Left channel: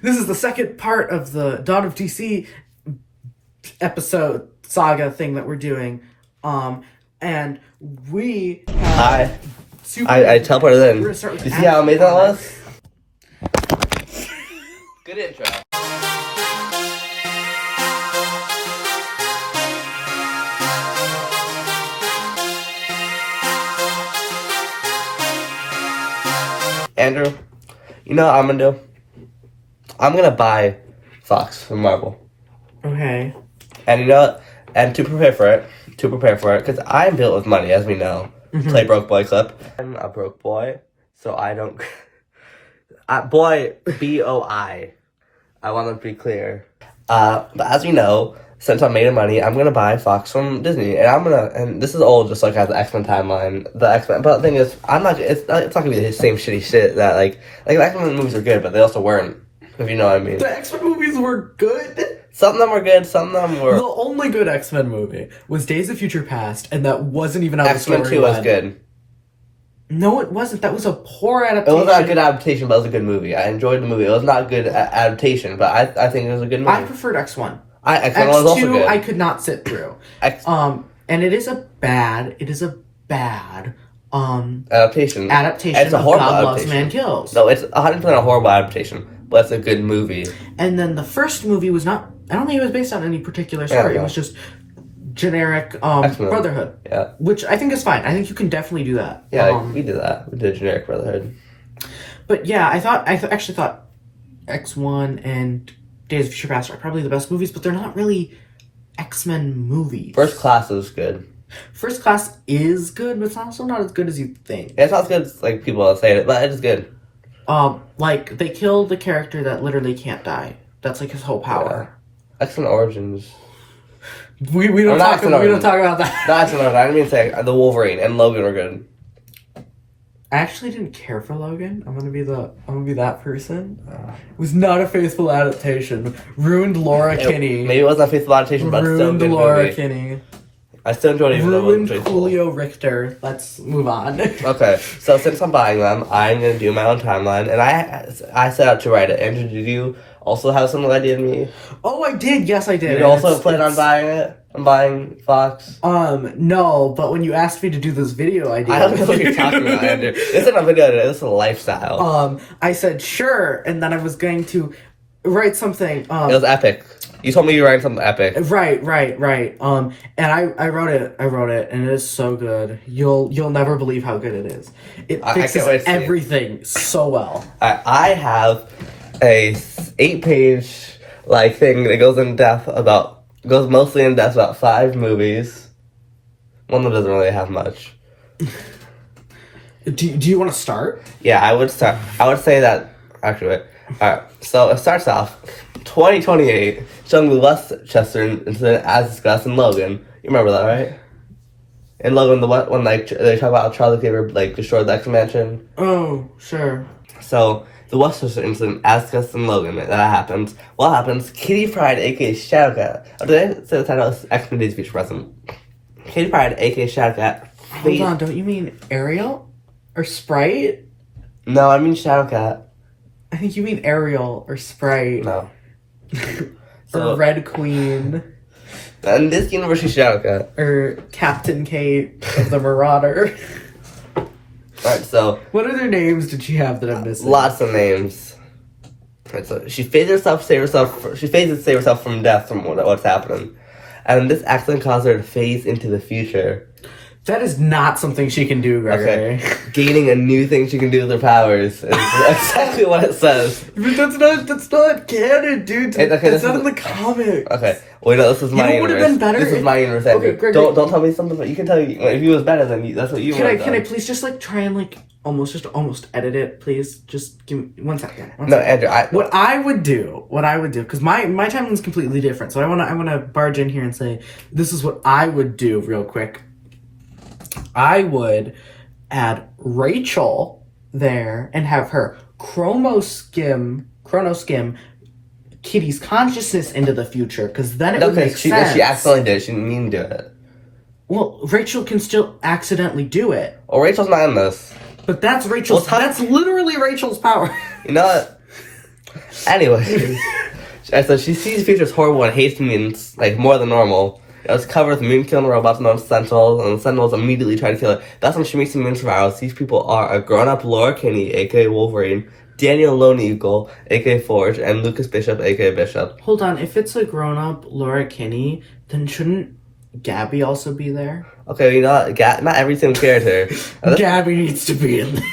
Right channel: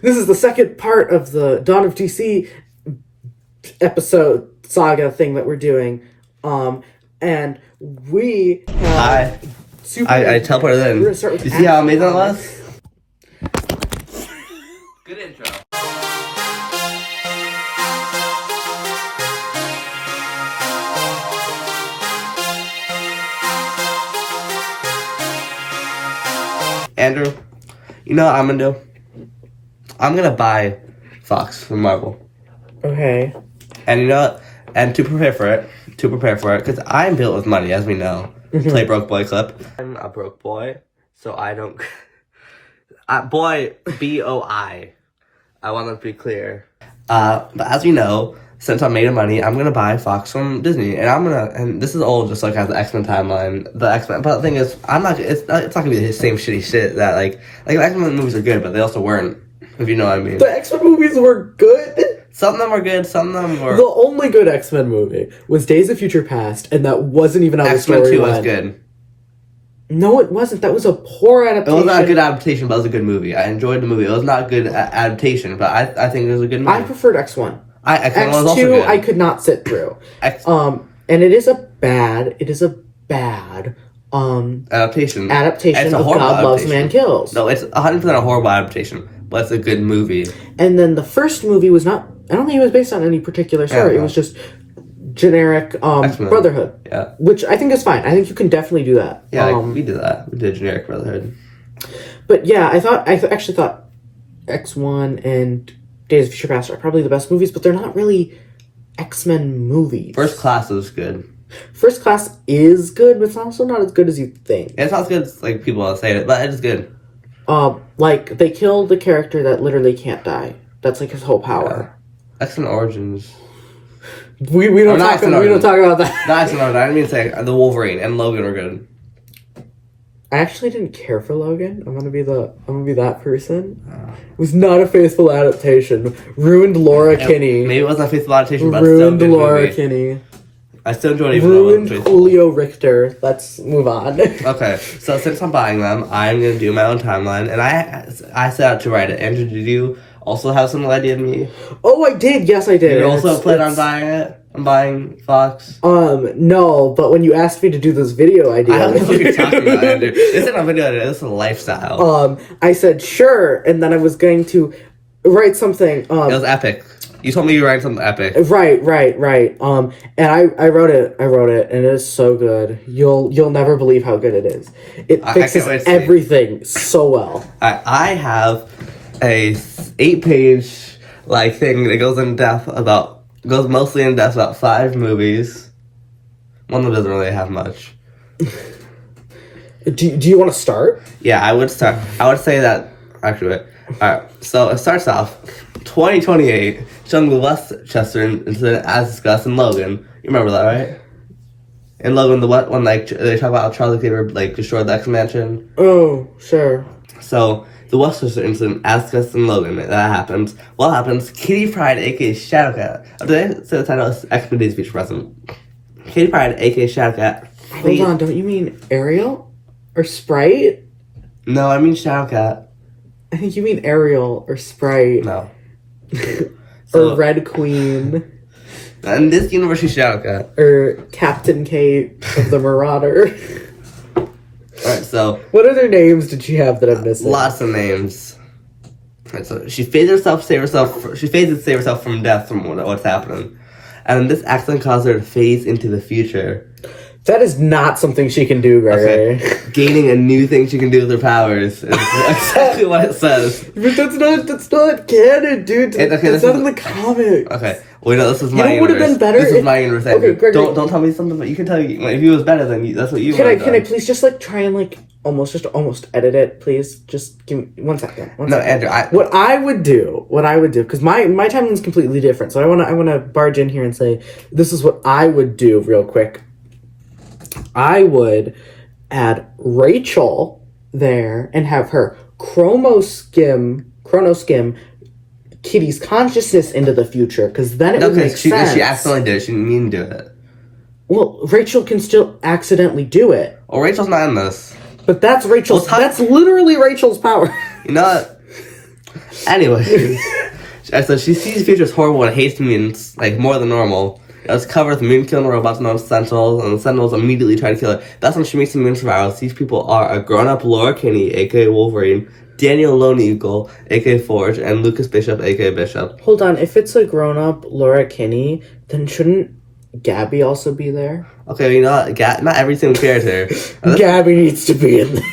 This is the second part of the Dawn of DC episode saga thing that we're doing. And we have I teleported in. You see how amazing that was? Good intro. Andrew, you know what I'm gonna do? I'm gonna buy Fox from Marvel. Okay. And you know what? And to prepare for it, because I'm built with money, as we know. Play broke boy clip. I'm a broke boy, so I don't... boy, B-O-I. I want to be clear. But as we know, since I'm made of money, I'm gonna buy Fox from Disney, and this is old, just like as the X-Men timeline, but the thing is, it's not gonna be the same shitty shit that like the X-Men movies are good, but they also weren't, if you know what I mean. The X-Men movies were good. Some of them were good, some of them were... The only good X-Men movie was Days of Future Past, and that wasn't even how the story X-Men 2 was went. good. No, it wasn't. That was a poor adaptation. It was not a good adaptation, but it was a good movie. I enjoyed the movie. It was not a good adaptation, but I think it was a good movie. I preferred X1. X1 was also X2 good. I could not sit through. And it is a bad adaptation. Adaptation of God Loves Man Kills. No, it's 100% a horrible adaptation, but it's a good movie. And then the first movie was not... I don't think it was based on any particular story. Yeah, It was just generic Brotherhood. Yeah. Which I think is fine. I think you can definitely do that. Yeah, we did that. We did generic Brotherhood. But yeah, I actually thought X1 and Days of Future Past are probably the best movies, but they're not really X-Men movies. First Class is good. First Class is good, but it's also not as good as you think. Yeah, it's not as good as like people say it, but it's good. Like they killed the character that literally can't die. That's like his whole power. Yeah. X-Men Origins. We don't talk about that. Not X-Men Origins. I didn't mean to say the Wolverine and Logan are good. I actually didn't care for Logan. I'm gonna be that person. It was not a faithful adaptation. Ruined Laura Kinney. Maybe it wasn't a faithful adaptation, but still a good Laura movie. Kinney. I still enjoyed it even though it wasn't Ruined faithful. Julio Richter. Let's move on. Okay, so since I'm buying them, I'm gonna do my own timeline, and I set out to write it. Andrew, did you also have some idea in me? Oh, I did. Yes, I did. You also planned on buying it? I'm buying Fox? No, but when you asked me to do this video idea... I don't know what you're talking about, Andrew. This isn't a video idea, this is a lifestyle. I said, sure, and then I was going to write something... it was epic. You told me you were writing something epic. Right. And I wrote it, and it is so good. You'll never believe how good it is. It fixes everything so well. I have a 8-page thing that goes mostly in depth about 5 movies. One that doesn't really have much. Do you want to start? Yeah, I would start. I would say that... Actually, wait. Alright, so it starts off 2028, showing the Westchester incident as discussed in Logan. You remember that, right? In Logan, when they talk about how Charlie Cleaver destroyed the X-Mansion. Oh, sure. So the Westchester incident, as discussed in Logan, that happens. What happens? Kitty Pryde, aka Shadowcat. Oh, did I say the title? X-Men Days of Future Present. Kitty Pryde, aka Shadowcat. Hold on, don't you mean Ariel or Sprite? No, I mean Shadowcat. I think you mean Ariel or Sprite. No. Or Red Queen. In this universe, she's Shadowcat. Or Captain Kate of the Marauder. Alright, so... What other names did she have that I'm missing? Lots of names. Alright, so she phased herself to save herself from death from what's happening. And this accident caused her to phase into the future. That is not something she can do, Gregory. Okay. Gaining a new thing she can do with her powers. Is exactly what it says. But that's not canon, dude. It's not in the comic. Okay. Well, this is my universe. Would have been better. This is my universe. Okay, Gregory. Don't tell me something. But you can tell you if it was better than you. That's what you. Can I please just try and almost edit it, please? Just give me 1 second. No, Andrew. What I would do, because my timeline is completely different. So I wanna barge in here and say this is what I would do real quick. I would add Rachel there and have her chronoskim Kitty's consciousness into the future, because then it would make sense. She accidentally did it. She didn't mean to do it. Well, Rachel can still accidentally do it. Well, Rachel's not in this. But that's Rachel's... that's literally Rachel's power. You know what? Anyway, so she sees features horrible and hates mutants like more than normal. It's covered with mutant-killing robots known as Sentinels, and the Sentinels immediately try to kill her. That's when she meets the mutant survivors. These people are a grown-up Laura Kinney, aka Wolverine, Daniel Lone Eagle, aka Forge, and Lucas Bishop, aka Bishop. Hold on, if it's a grown-up Laura Kinney, then shouldn't Gabby also be there? Okay, you know what? Not every single character. Gabby needs to be in there.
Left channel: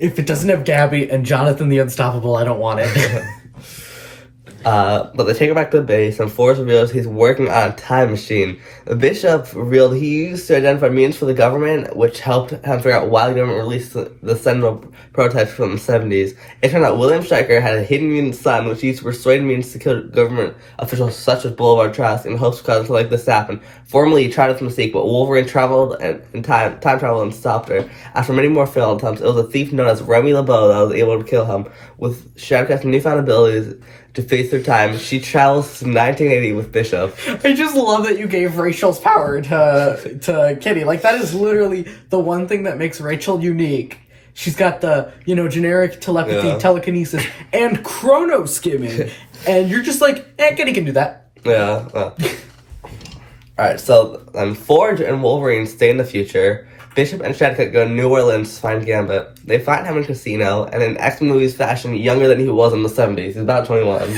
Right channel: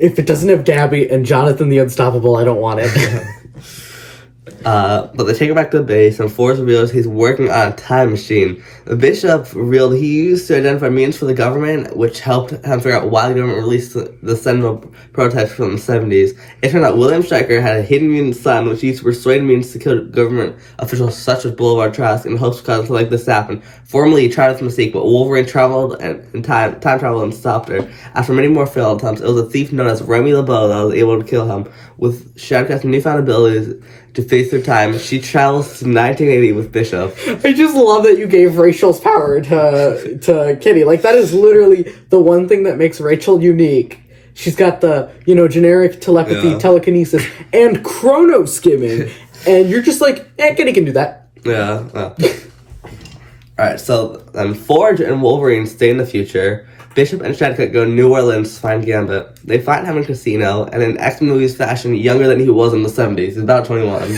If it doesn't have Gabby and Jonathan the Unstoppable, I don't want it. But they take her back to the base, and Forrest reveals he's working on a time machine. The Bishop revealed he used to identify mutants for the government, which helped him figure out why the government released the Sentinel prototypes from the 70s. It turned out William Stryker had a hidden mutant son, which he used to persuade mutants to kill government officials such as Boulevard Trask in hopes of causing something like this to happen. Formerly, he tried this mistake, but Wolverine traveled in time traveled and stopped her. After many more failed attempts, it was a thief known as Remy LeBeau that was able to kill him. With Shadowcat's newfound abilities to face through time, she travels to 1980 with Bishop. I just love that you gave Rachel's power to Kitty. Like, that is literally the one thing that makes Rachel unique. She's got the, generic telepathy, telekinesis, and chrono skimming. And you're just like, Kitty can do that. Yeah. Alright, so Forge and Wolverine stay in the future. Bishop and Shadowcat go to New Orleans to find Gambit. They find him in a casino, and in X-Men movies fashion, younger than he was in the 70s. He's about 21.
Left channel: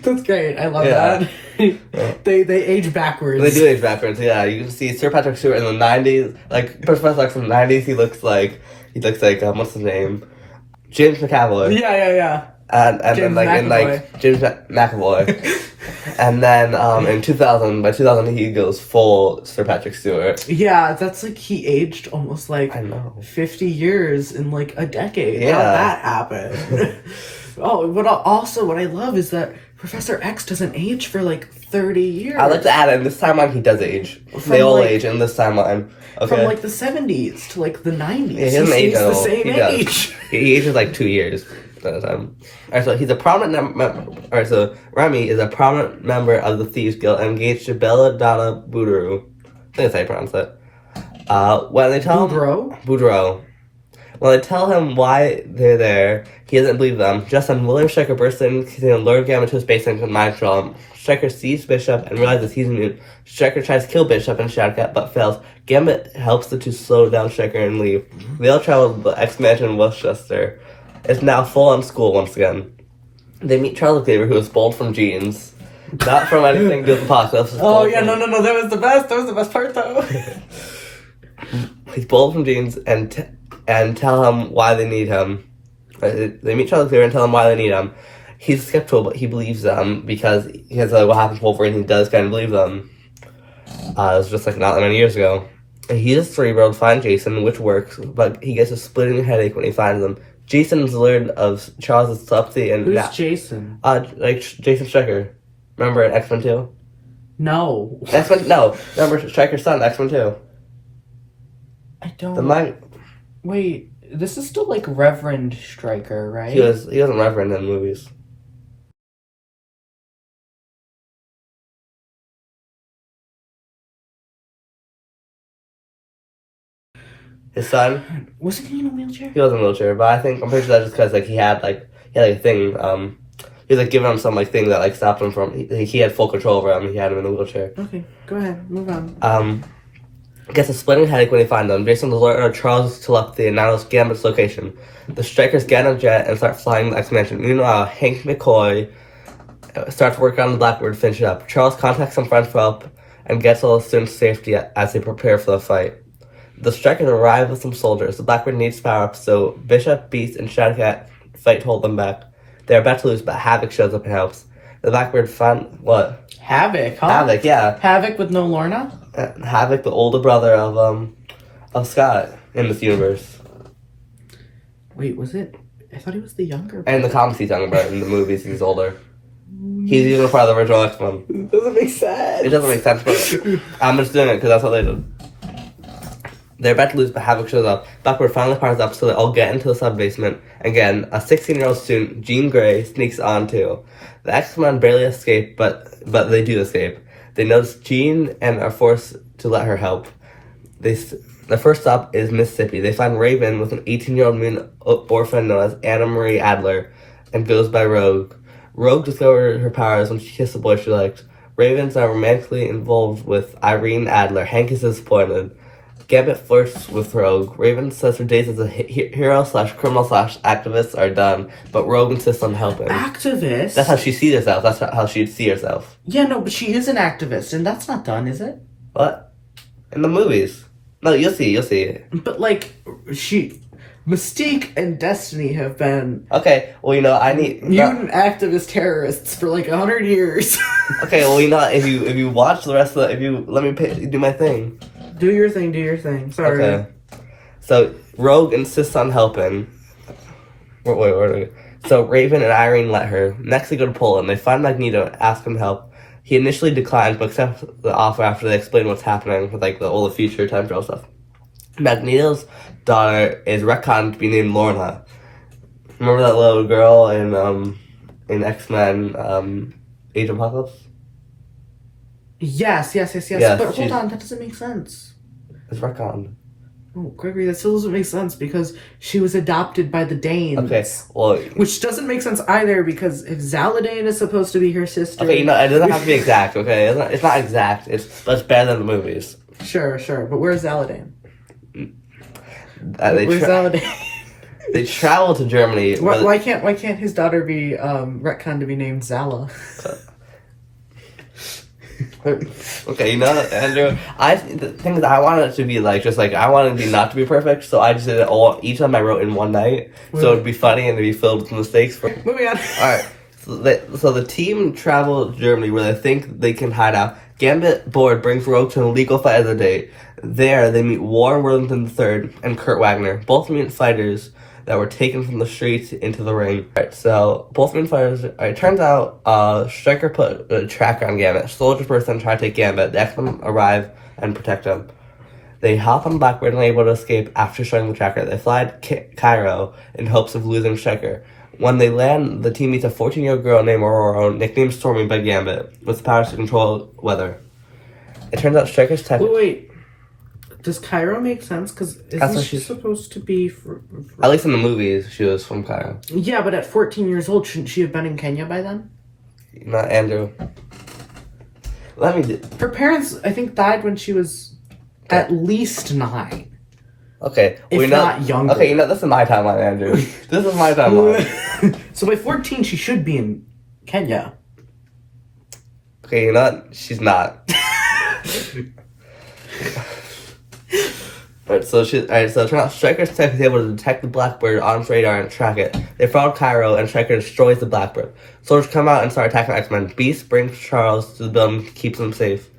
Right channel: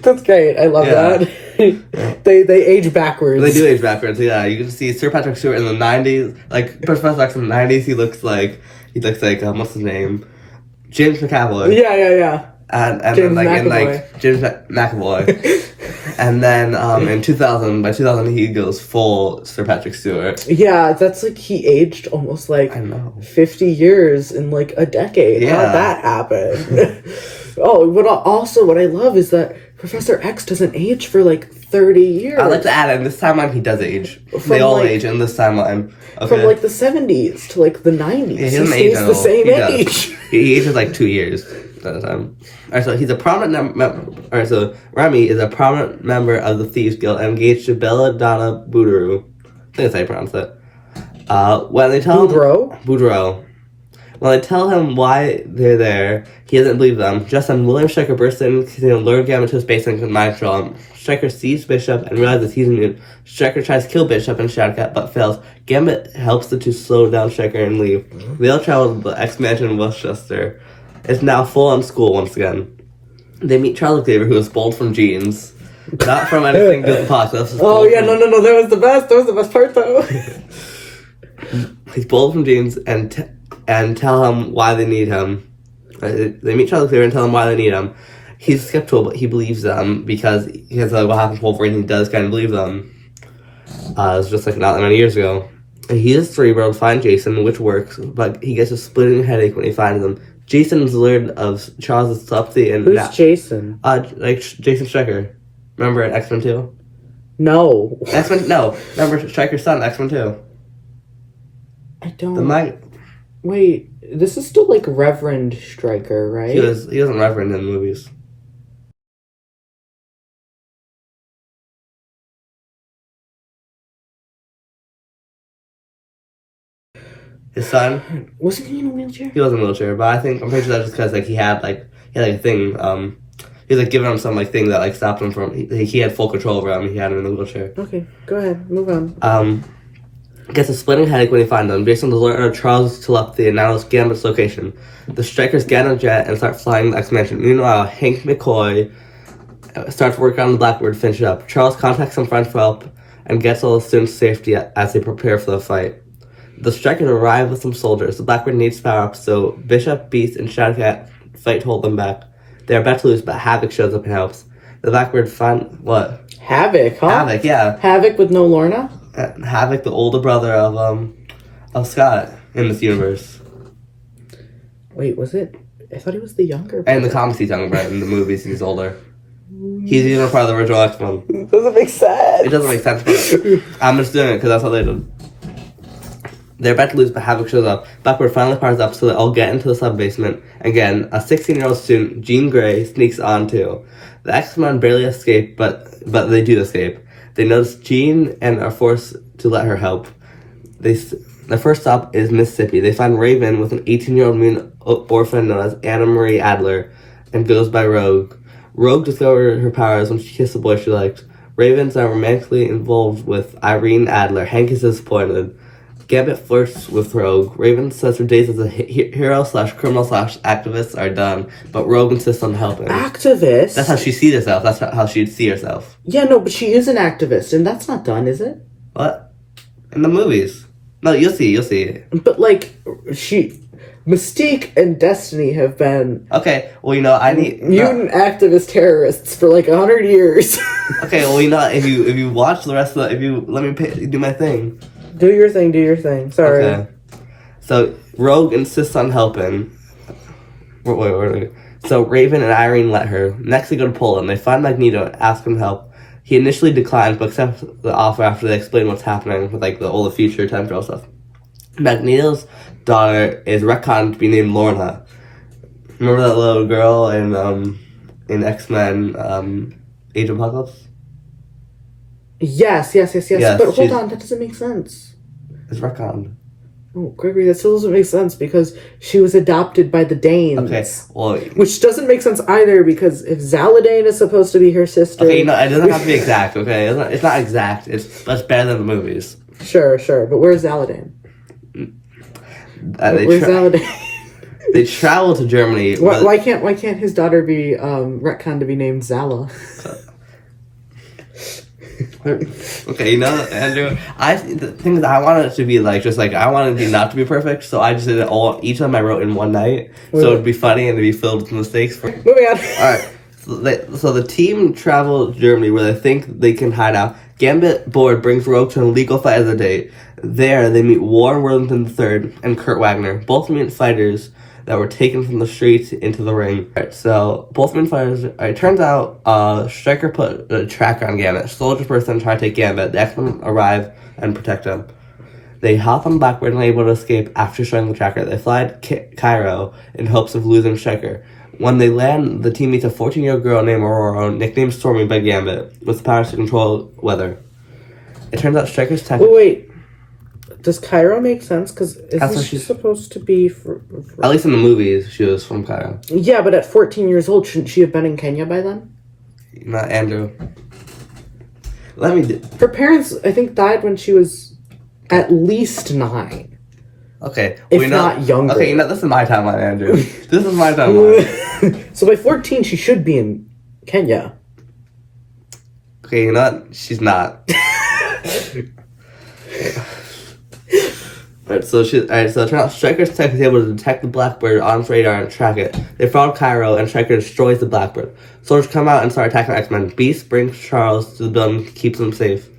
That's great. I love that. They age backwards. They do age backwards, yeah. You can see Sir Patrick Stewart in the 90s. Like, Professor X in the 90s, he looks like, what's his name? James McAvoy. Yeah. And then, James McAvoy. And then, by 2000, he goes full Sir Patrick Stewart. Yeah, that's like he aged almost like 50 years in like a decade. Yeah. How'd that happen? What I love is that Professor X doesn't age for like 30 years. I like to add in this timeline he does age. They all age in this timeline. Okay. From like the 70s to like the 90s. Yeah, he doesn't age the same age. He ages like 2 years at a time. Alright, so he's a prominent member. So Remy is a prominent member of the Thieves Guild and engaged to Belladonna Boudreaux. I think that's how you pronounce it. When they tell Boudreaux. When they tell him why they're there, he doesn't believe them. Just then, William Stryker bursts in, continuing to lure Gambit to his base and mind control him. Stryker sees Bishop and realizes he's a mutant. Stryker tries to kill Bishop and Shadowcat, but fails. Gambit helps the two slow down Stryker and leave. They all travel to the X-Mansion in Westchester. It's now full-on school once again. They meet Charles Xavier, who is bold from genes. Not from anything to do with Apocalypse. Oh, yeah, no, that was the best. That was the best part, though. He's bold from genes and tell him why they need him. They meet Charles Xavier and tell him why they need him. He's skeptical, but he believes them because what happened to Wolverine, he does kind of believe them. It was just like not that many years ago. And he is cerebral to find Jason, which works, but he gets a splitting headache when he finds him. Jason's lured of Charles' telepathy and... Who's Jason? Jason Stryker. Remember in X-Men 2? No. No. Remember Stryker's son, X-Men 2? I don't... Wait, this is still like Reverend Stryker, right? He wasn't Reverend in the movies. His son wasn't he in a wheelchair? He was in a wheelchair, but I'm pretty sure that's just because he had a thing. He was giving him some thing that stopped him from. He had full control over him. He had him in the wheelchair. Okay, go ahead, move on. Gets a splitting headache when he finds them. Jason alerts of Charles' telepathy and now knows Gambit's location. The Strikers get on a jet and start flying the X-Mansion. Meanwhile, Hank McCoy starts working on the Blackbird to finish it up. Charles contacts some friends for help and gets all the students to safety as they prepare for the fight. The Strikers arrive with some soldiers. The Blackbird needs power up, so Bishop, Beast, and Shadowcat fight to hold them back. They are about to lose, but Havoc shows up and helps. The Blackbird what? Havoc, huh? Havoc, yeah. Havoc with no Lorna? Havoc, the older brother of Scott in this universe. Wait, was it? I thought he was the younger brother. And in the comics he's younger, but in the movies he's older. He's even part of the original X-Men. It doesn't make sense. It doesn't make sense, but I'm just doing it because that's what they did. They're about to lose, but Havoc shows up. Blackbird finally powers up, so they all get into the sub-basement. Again, a 16-year-old student, Jean Grey, sneaks on too. The X-Men barely escape, but they do escape. They notice Jean and are forced to let her help. The first stop is Mississippi. They find Raven with an 18-year-old mutant orphan known as Anna Marie Adler and goes by Rogue. Rogue discovered her powers when she kissed a boy she liked. Raven's now romantically involved with Irene Adler. Hank is disappointed. Gambit flirts with Rogue. Raven says her days as a hero/criminal/activist are done, but Rogue insists on helping. Activist? That's how she sees herself. That's how she'd see herself. Yeah, no, but she is an activist, and that's not done, is it? What? In the movies. No, you'll see. But, like, Mystique and Destiny have been... Okay, well, I need... mutant activist terrorists for, 100 years. Okay, well, if you watch the rest of if you let me do my thing. Do your thing. Sorry. Okay. So, Rogue insists on helping. Wait. So, Raven and Irene let her. Next, they go to Poland. They find Magneto and ask him to help. He initially declines, but accepts the offer after they explain what's happening with, all the future time travel stuff. Magneto's daughter is retconned to be named Lorna. Remember that little girl in X-Men, Age of Apocalypse? Yes. Yes, But hold on, that doesn't make sense. It's retconned. Oh, Gregory, that still doesn't make sense because she was adopted by the Danes. Okay, well... Which doesn't make sense either because if Zaladane is supposed to be her sister... Okay, it doesn't have to be exact, okay? It's not exact, but it's better than the movies. Sure, but where's Zaladane? Where's Zaladane? They travel to Germany. Why can't his daughter be retconned to be named Zala? Okay, Andrew, the thing is, I wanted it to be I wanted it not to be perfect, so I just did it all, each time I wrote in one night, so it'd be funny and it'd be filled with mistakes. Moving on. Alright, so the team travel to Germany where they think they can hide out. Gambit, bored, brings Rogue to an illegal fight as a date. There, they meet Warren Worthington III and Kurt Wagner, both mutant fighters that were taken from the streets into the ring. Alright, so both main fighters. It turns out Stryker put a tracker on Gambit. Soldier person trying to take Gambit. The X-Men arrive and protect him. They hop on Blackbird and are able to escape after showing the tracker. They fly to Cairo in hopes of losing Stryker. When they land, the team meets a 14-year-old girl named Aurora, nicknamed Stormy by Gambit, with powers to control weather. It turns out Stryker's tech... Wait. Does Cairo make sense? Because isn't she supposed to be... At least in the movies, she was from Cairo. Yeah, but at 14 years old, shouldn't she have been in Kenya by then? Not Andrew. Her parents, I think, died when she was at least 9. Okay. If not younger. Okay, this is my timeline, Andrew. This is my timeline. So by 14, she should be in Kenya. Okay, she's not. So it turns out Stryker's tech is able to detect the Blackbird on its radar and track it. They follow Cairo, and Stryker destroys the Blackbird. Soldiers come out and start attacking X-Men. Beast brings Charles to the building, keeps them safe.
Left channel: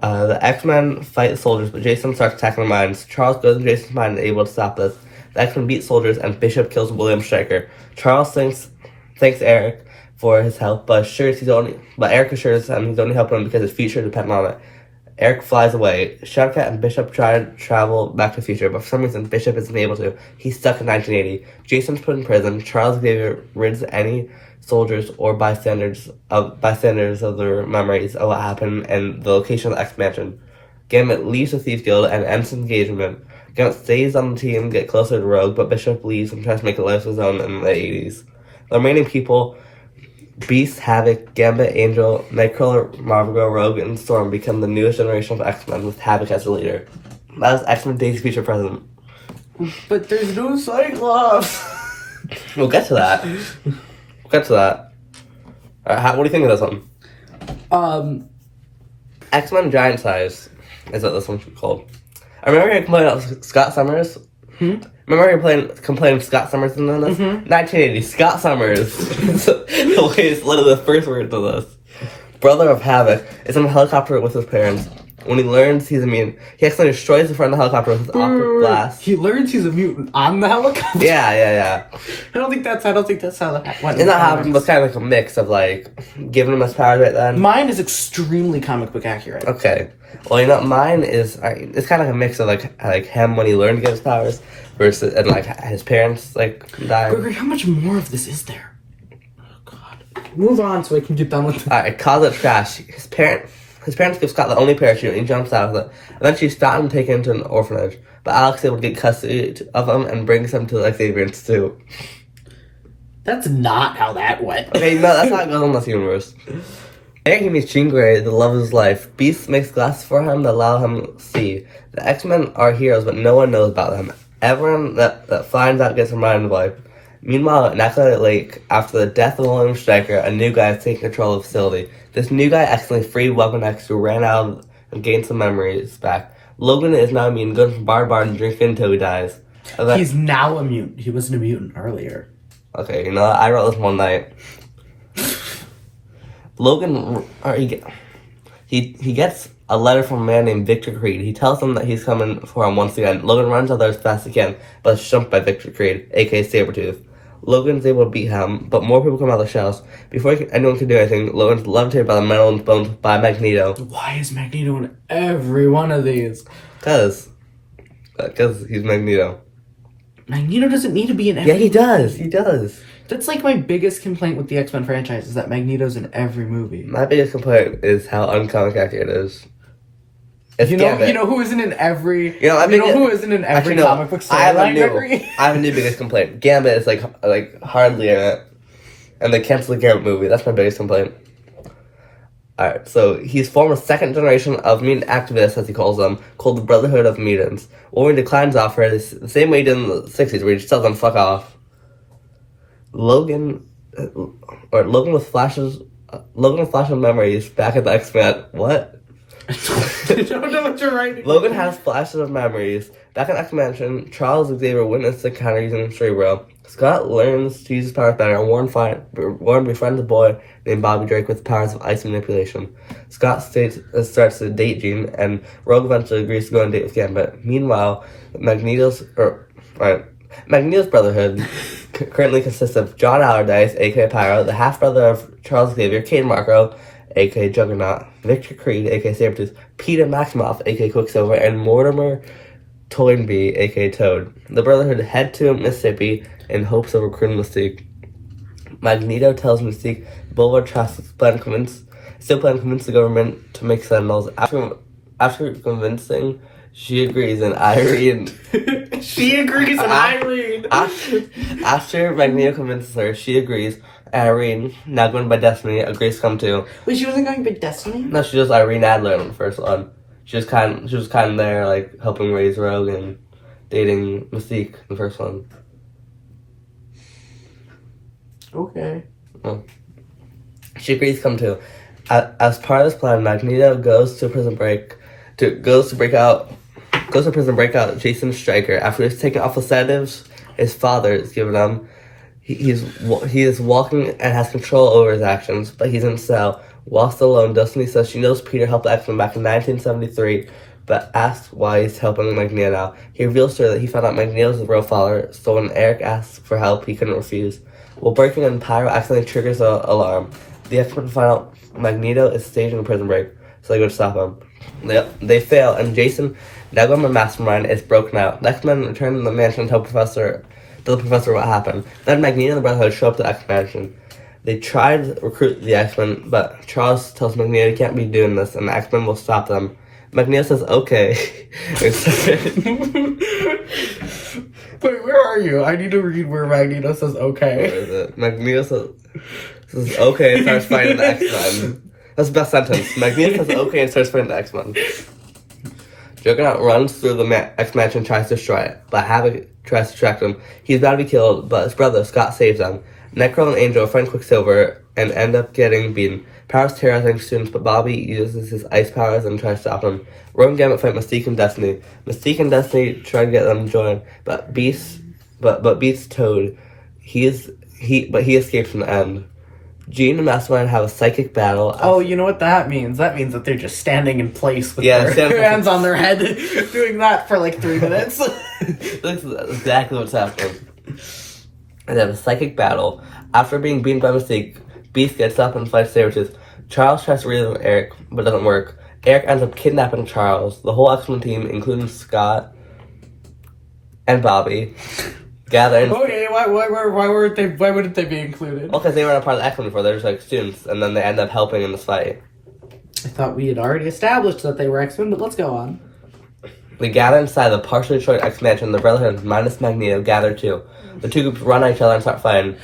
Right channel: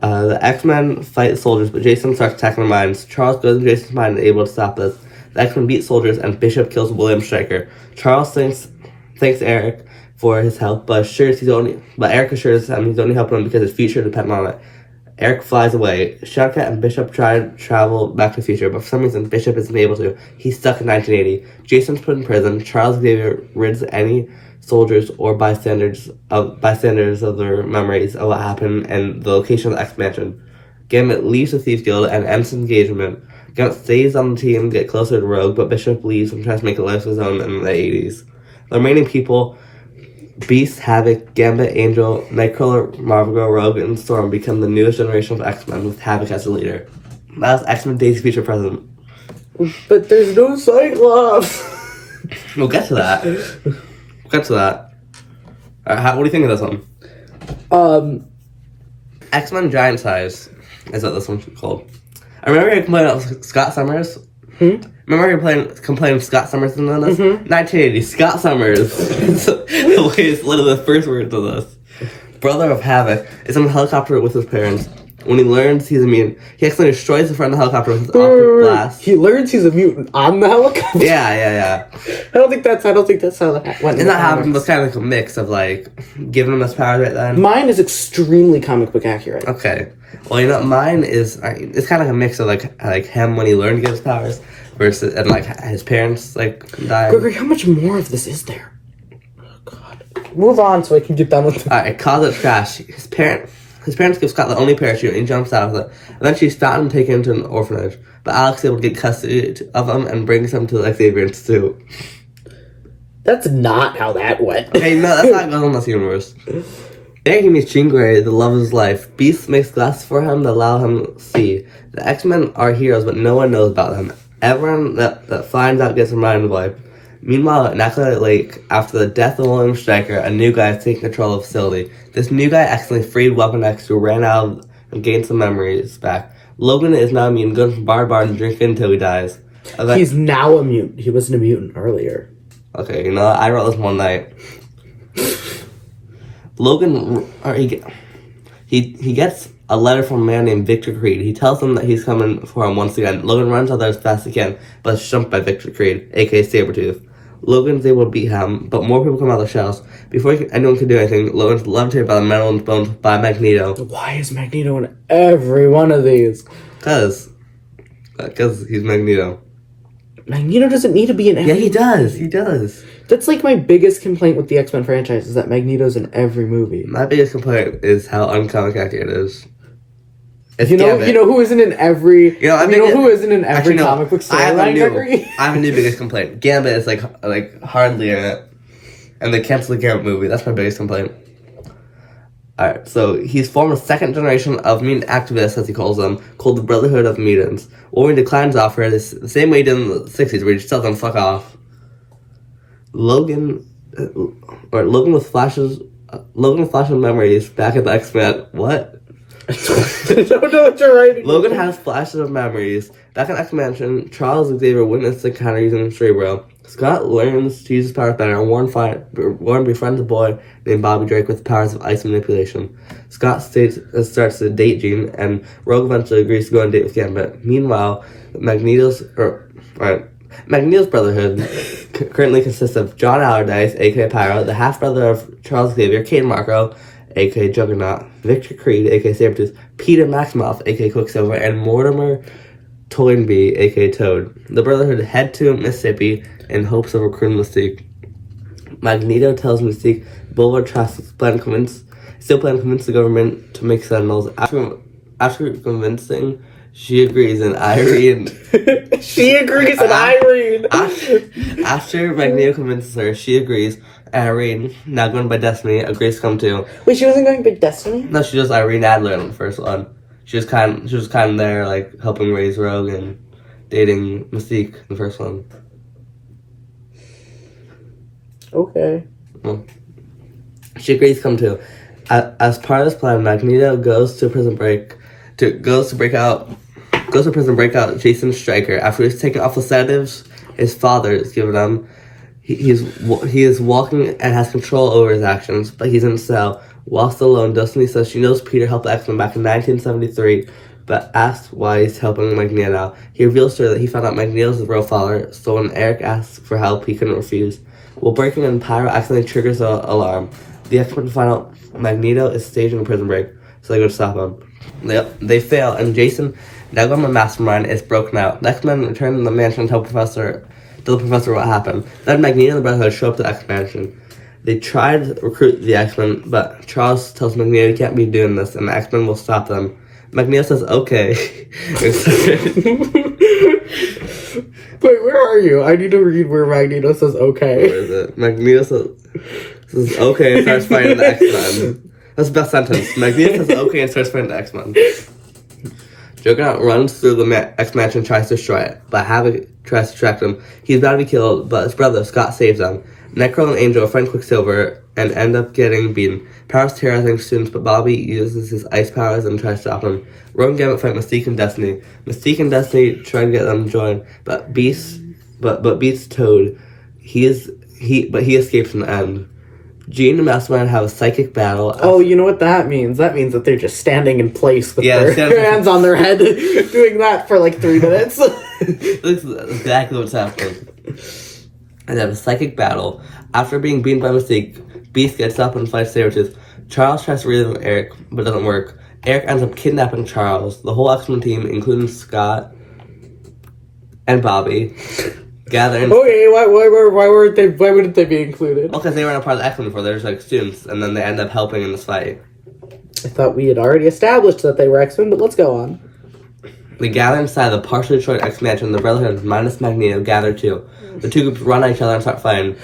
The X-Men fight the soldiers, but Jason starts attacking their minds. Charles goes in Jason's mind and is able to stop this. The X-Men beat soldiers, and Bishop kills William Stryker. Charles thanks Eric for his help, but Eric assures him he's only helping him because his future depends on it. Eric flies away. Shadowcat and Bishop try to travel back to the future, but for some reason Bishop isn't able to. He's stuck in 1980. Jason's put in prison. Charles Xavier rids any soldiers or bystanders of their memories of what happened and the location of the expansion. Gambit leaves the Thief Guild and ends his engagement. Gambit stays on the team, get closer to Rogue, but Bishop leaves and tries to make a life of his own in the 80s. The remaining people, Beast, Havoc, Gambit, Angel, Nightcrawler, Marvel Girl, Rogue, and Storm become the newest generation of X-Men with Havoc as the leader. That was X-Men Days Future Present. But there's no Cyclops! We'll get to that. What do you think of this one? X-Men Giant Size is what this one's called. I remember you complaining about Scott Summers. Remember you complaining Scott Summers in this? 1980, Scott Summers. The way it's literally the first word to this. Brother of Havoc is on a helicopter with his parents. When he learns he's a mutant, he accidentally destroys the front of the helicopter with his optic blast. He learns he's a mutant on the helicopter? Yeah. I don't think that's how that went. It's not happening, but it's kind of like a mix of giving him his powers right then. Mine is extremely comic book accurate. Okay. Well, mine is, it's kind of like a mix of like him when he learned to get his powers versus, and his parents dying. Gregory, how much more of this is there? Oh, God. Move on so I can get done with it. Alright, cause it crash. His parents give Scott the only parachute and he jumps out with it. Eventually, Scott and taken him to an orphanage, but Alex is able to get custody of him and brings him to Xavier Institute. That's not how that went. Okay, no, that's how it goes in this universe. There he meets Jean Grey, the love of his life. Beast makes glasses for him that allow him to see. The X-Men are heroes, but no one knows about them. Everyone that finds out gets reminded of life. Meanwhile, in Accolade Lake, after the death of William Stryker, a new guy is taking control of the facility. This new guy accidentally freed Weapon X, who ran out and gained some memories back. Logan is now immune, goes from bar to bar and drinking until he dies. He's now a mutant. He wasn't a mutant earlier. Okay, you know what? I wrote this one night. Logan, he gets a letter from a man named Victor Creed. He tells him that he's coming for him once again. Logan runs out there as fast as he can, but is jumped by Victor Creed, aka Sabretooth. Logan's able to beat him, but more people come out of the shells. Before anyone can do anything, Logan's levitated by the metal and bones by Magneto. Why is Magneto in every one of these? Because he's Magneto. Magneto doesn't need to be in every Yeah, he does. He does. That's like my biggest complaint with the X-Men franchise is that Magneto's in every movie. My biggest complaint is how uncomic accurate it is. It's You know Gambit. who isn't in every who isn't in every Actually, no. comic book I have storyline, Gregory? I have a new biggest complaint. Gambit is like hardly in it. And they canceled the Gambit movie. That's my biggest complaint. Alright, so he's formed a second generation of mutant activists, as he calls them, called the Brotherhood of Mutants. Wolverine declines offer the same way he did in the 60s, where he just tells them fuck off. Logan with flashes of memories back at the X-Men. What? I don't know what you're writing. Logan has flashes of memories. Back in X-Mansion, Charles Xavier witnessed the encounter using Cerebro. Scott learns to use his powers better, and Warren befriends a boy named Bobby Drake with powers of ice manipulation. Scott starts to date Jean, and Rogue eventually agrees to go on a date with Gambit. Meanwhile, Magneto's Brotherhood currently consists of John Allardyce, aka Pyro, the half-brother of Charles Xavier, Kate Marco, aka Juggernaut, Victor Creed, aka Sabretooth, Peter Maximoff, aka Quicksilver, and Mortimer Toynbee, aka Toad. The Brotherhood head to Mississippi in hopes of recruiting Mystique. Magneto tells Mystique Boulevard tries to convince the government to make Sentinels. After convincing, she agrees, and Irene... After Magneto convinces her, she agrees. Irene, now going by Destiny, agrees to come too. Wait, she wasn't going by Destiny? No, she was Irene Adler in the first one. She was kind of there, like, helping raise Rogue and dating Mystique in the first one. Okay. Well, she agrees to come too. As part of this plan, Magneto goes to prison break out Jason Stryker. After he's taken off the sedatives his father has given him, he is walking and has control over his actions, but he's in a cell. While still alone, Destiny says she knows Peter helped the X-Men back in 1973, but asks why he's helping Magneto now. He reveals to her that he found out Magneto's the real father, so when Eric asks for help, he couldn't refuse. While breaking in, Pyro accidentally triggers the alarm. The X-Men find out Magneto is staging a prison break, so they go to stop him. They fail, and Jason, now going by Mastermind, is broken out. The X-Men return to the mansion and tell the professor what happened. Then Magneto and the Brotherhood show up to the X-Mansion. They try to recruit the X-Men, but Charles tells Magneto he can't be doing this, and the X-Men will stop them. Magneto says, okay. Wait, where are you? I need to read where Magneto says okay. Where is it? Magneto says okay and starts fighting the X-Men. That's the best sentence. Magneto says okay and starts fighting the X-Men. Juggernaut runs through the X-Mansion and tries to destroy it, but Havoc tries to distract him. He's about to be killed, but his brother, Scott, saves him. Necro and Angel find Quicksilver and end up getting beaten. Powers terrorizing students, but Bobby uses his ice powers and tries to stop him. Rogue and Gambit fight Mystique and Destiny. Mystique and Destiny try to get them to join, but beats Toad. He escapes in the end. Jean and Mastermind have a psychic battle. Oh, you know what that means? That means that they're just standing in place with their hands on their head, doing that for like 3 minutes. That's exactly what's happening. And they have a psychic battle. After being beaten by Mystique, Beast gets up and fights Sabretooth. Charles tries to reason with Eric, but it doesn't work. Eric ends up kidnapping Charles. The whole X-Men team, including Scott and Bobby, gather in... Okay, why wouldn't they be included? Well, because they weren't a part of the X-Men before, they're just like students, and then they end up helping in this fight. I thought we had already established that they were X-Men, but let's go on. They gather inside the partially destroyed X-Mansion. The Brotherhood minus Magneto gather too. The two groups run at each other and start fighting.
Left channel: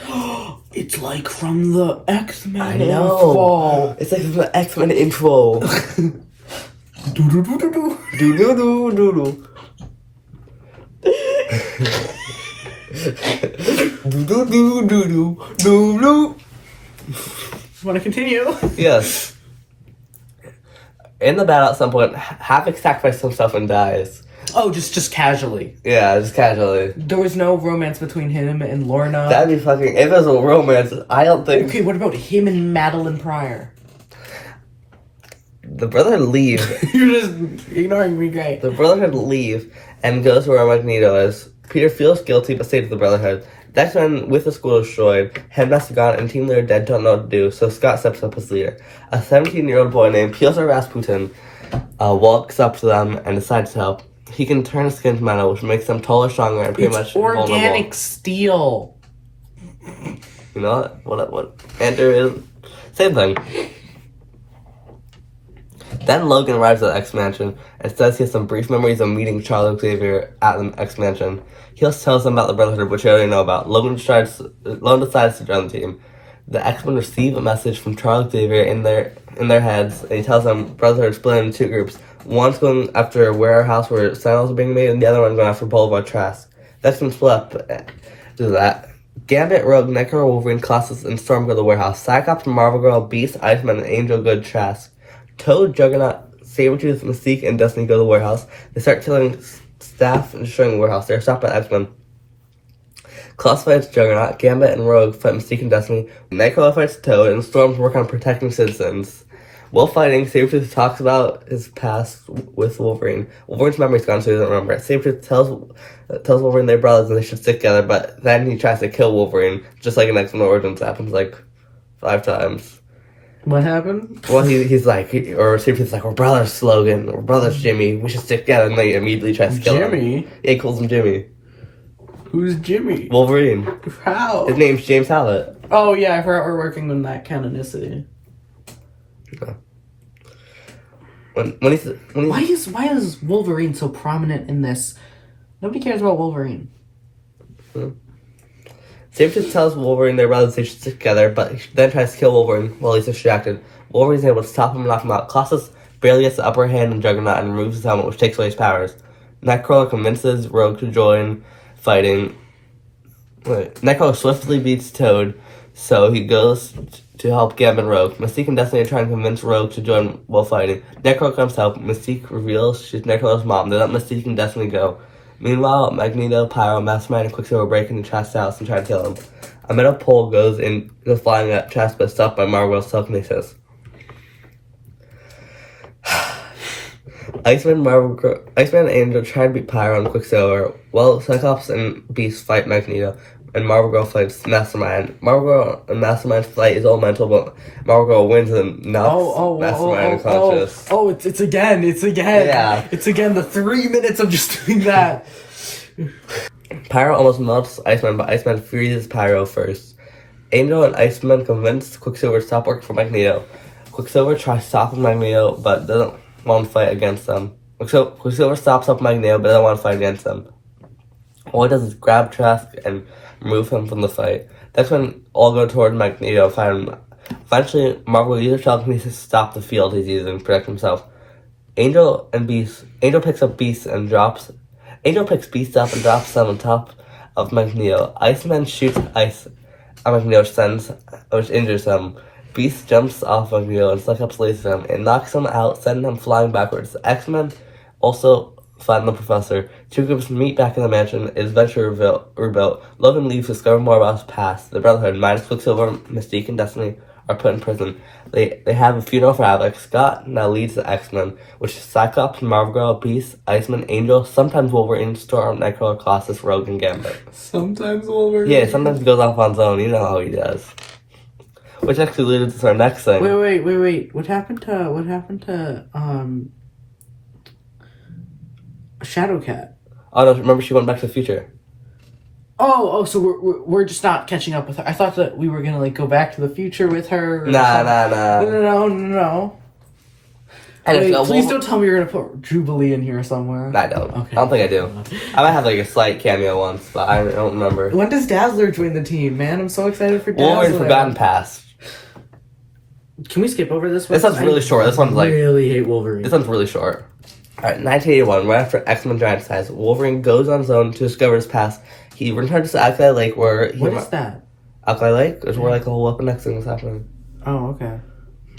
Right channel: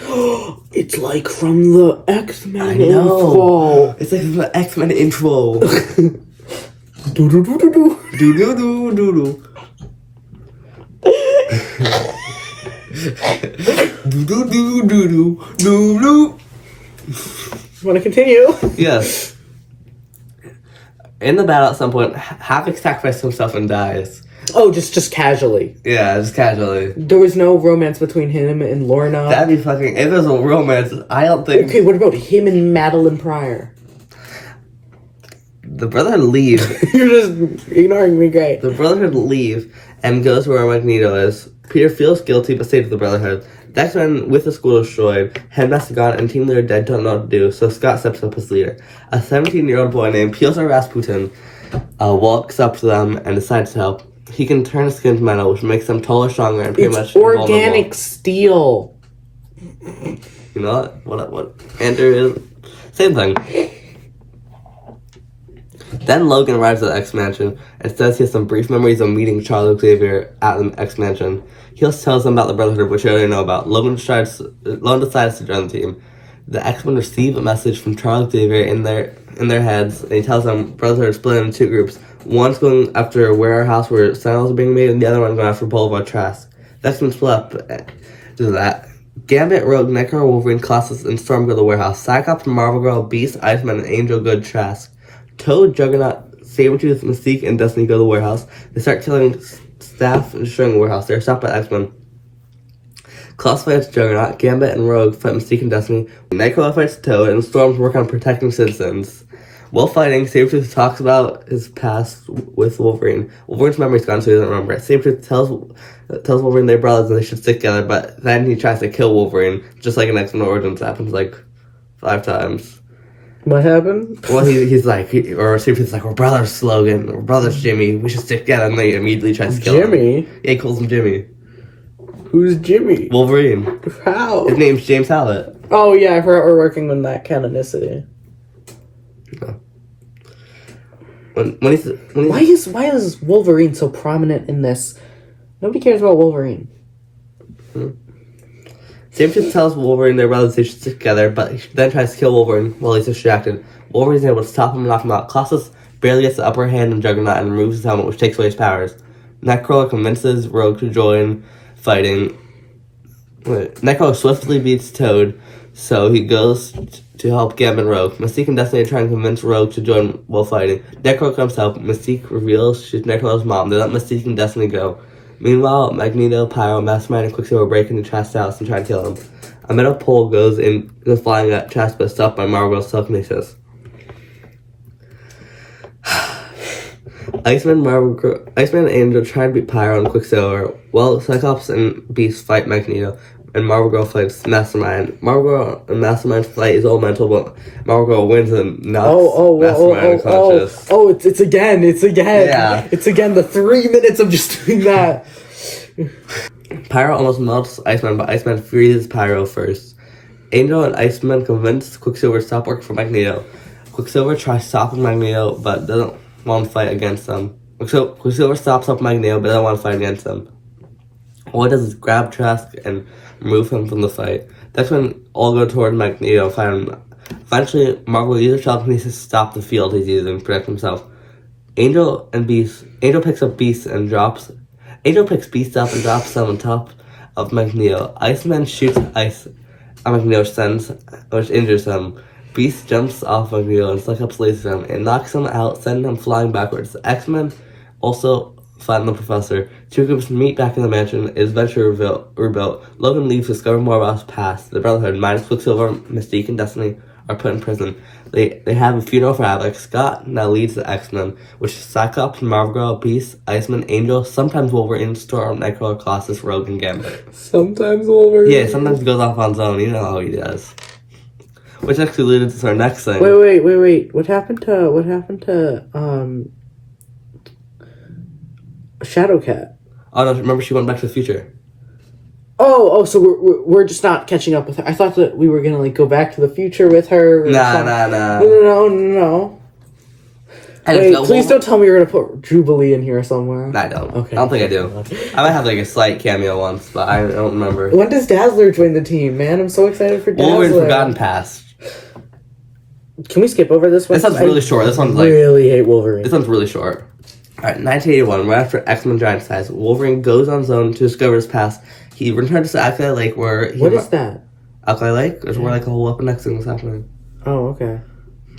It's like from the X-Men I know. intro. It's like the X-Men intro. Do do do do do. Do do do do do. Do do do do do do. Want to continue? Yes. In the battle, at some point, Havoc sacrifices himself and dies. Oh, just casually. Yeah, just casually. There was no romance between him and Lorna. That'd be fucking. If there's a romance, I don't think. Okay, what about him and Madeline Pryor? The Brotherhood leave. You're just ignoring me, great. The Brotherhood leave and goes to where Magneto is. Peter feels guilty but stays with the Brotherhood. The X-Men, with the school destroyed, Headmaster gone, and Team Leader dead don't know what to do, so Scott steps up as leader. A 17-year-old boy named Piotr Rasputin walks up to them and decides to help. He can turn his skin to metal, which makes them taller, stronger, and pretty much invulnerable. Organic steel. You know what Enter is? Same thing. Then Logan arrives at the X-Mansion and says he has some brief memories of meeting Charles Xavier at the X-Mansion. He also tells them about the Brotherhood, which they already know about. Logan decides to join the team. The X-Men receive a message from Charles Xavier in their heads, and he tells them Brotherhood is split into two groups. One's going after a warehouse where signals are being made, and the other one going after Boulevard Trask. The X-Men split up to that. Gambit, Rogue, Nightcrawler, Wolverine, Colossus, and Storm go to the warehouse. Cyclops, Marvel Girl, Beast, Iceman, and Angel go to Trask. Toad, Juggernaut, Sabretooth, Mystique, and Destiny go to the warehouse. They start killing staff and destroying the warehouse. They're stopped by X-Men. Colossus fights Juggernaut, Gambit and Rogue fight Mystique and Destiny. Nightcrawler fights Toad, and Storm's work on protecting citizens. While fighting, Sabretooth talks about his past with Wolverine. Wolverine's memory's gone, so he doesn't remember it. Sabretooth tells Wolverine they're brothers and they should stick together, but then he tries to kill Wolverine, just like in X-Men Origins happens like 5 times. What happened? Well, he's like, or Sabretooth's like, we're brothers, Logan. We're brothers, Jimmy. We should stick together. And they immediately tries to kill him. Jimmy? Yeah, he calls him Jimmy. Who's Jimmy? Wolverine. How? His name's James Hallett. Oh, yeah, I forgot we're working on that canonicity. No. When he's Why is Wolverine so prominent in this? Nobody cares about Wolverine. Sabretooth tells Wolverine their brothers they should stick together, but he then tries to kill Wolverine while he's distracted. Wolverine's able to stop him and knock him out. Colossus barely gets the upper hand on Juggernaut and removes his helmet, which takes away his powers. Nightcrawler convinces Rogue to join fighting. Nightcrawler swiftly beats Toad, so he goes to help Gambit and Rogue. Mystique and Destiny are trying to convince Rogue to join while fighting. Nightcrawler comes to help. Mystique reveals she's Nightcrawler's mom. They let Mystique and Destiny go. Meanwhile, Magneto, Pyro, Mastermind, and Quicksilver break into Trask's house and try to kill him. A metal pole goes flying at Trask, but stopped by Marvel's telekinesis. Iceman and Angel try to beat Pyro and Quicksilver, while Cyclops and Beast fight Magneto, and Marvel Girl fights Mastermind. Marvel Girl and Mastermind's fight is all mental, but Marvel Girl wins and knocks Mastermind unconscious. It's again. Yeah. It's again the 3 minutes of just doing that. Pyro almost melts Iceman, but Iceman freezes Pyro first. Angel and Iceman convince Quicksilver to stop working for Magneto. Quicksilver tries stopping Magneto, but doesn't want to fight against them. Quicksilver stops up Magneto, but doesn't want to fight against them. All he does is grab Trask and remove him from the fight. That's when all go toward Magneto and fight him. Eventually, Marvel uses telekinesis to stop the field he's using to protect himself. Angel picks Beast up and drops them on top of Magneto. Iceman shoots ice at Magneto, which injures him. Beast jumps off Magneto and Cyclops laces him. It knocks him out, sending him flying backwards. The X-Men also find the Professor. Two groups meet back in the mansion. It is eventually rebuilt. Logan leaves to discover more about his past. The Brotherhood, minus Quicksilver, Mystique, and Destiny, are put in prison. They have a funeral for Havoc. Scott now leads the X-Men, which is Cyclops, Marvel Girl, Beast, Iceman, Angel, sometimes Wolverine, Storm, Nightcrawler, Colossus, Rogue, and Gambit. Sometimes Wolverine? Yeah, sometimes he goes off on his own. You know how he does. Which actually leads to our next thing. Wait. What happened to Shadowcat? Oh no, remember she went back to the future. Oh, so we're just not catching up with her. I thought that we were gonna go back to the future with her. Nah. No. And Wait, if please don't tell me you're gonna put Jubilee in here somewhere. I don't. Okay. I don't think I do. I might have like a slight cameo once, but I don't remember. When does Dazzler join the team, man? I'm so excited for Dazzler. Wolverine's Forgotten Past. Can we skip over this one? This one's really short. This one's like... really hate Wolverine. This one's really short. Alright, 1981, right after X-Men Giant Size, Wolverine goes on his own to discover his past. He returns to Alkali Lake where he... What is that? Alkali Lake? Is where like a whole Weapon X thing was happening. Oh, okay.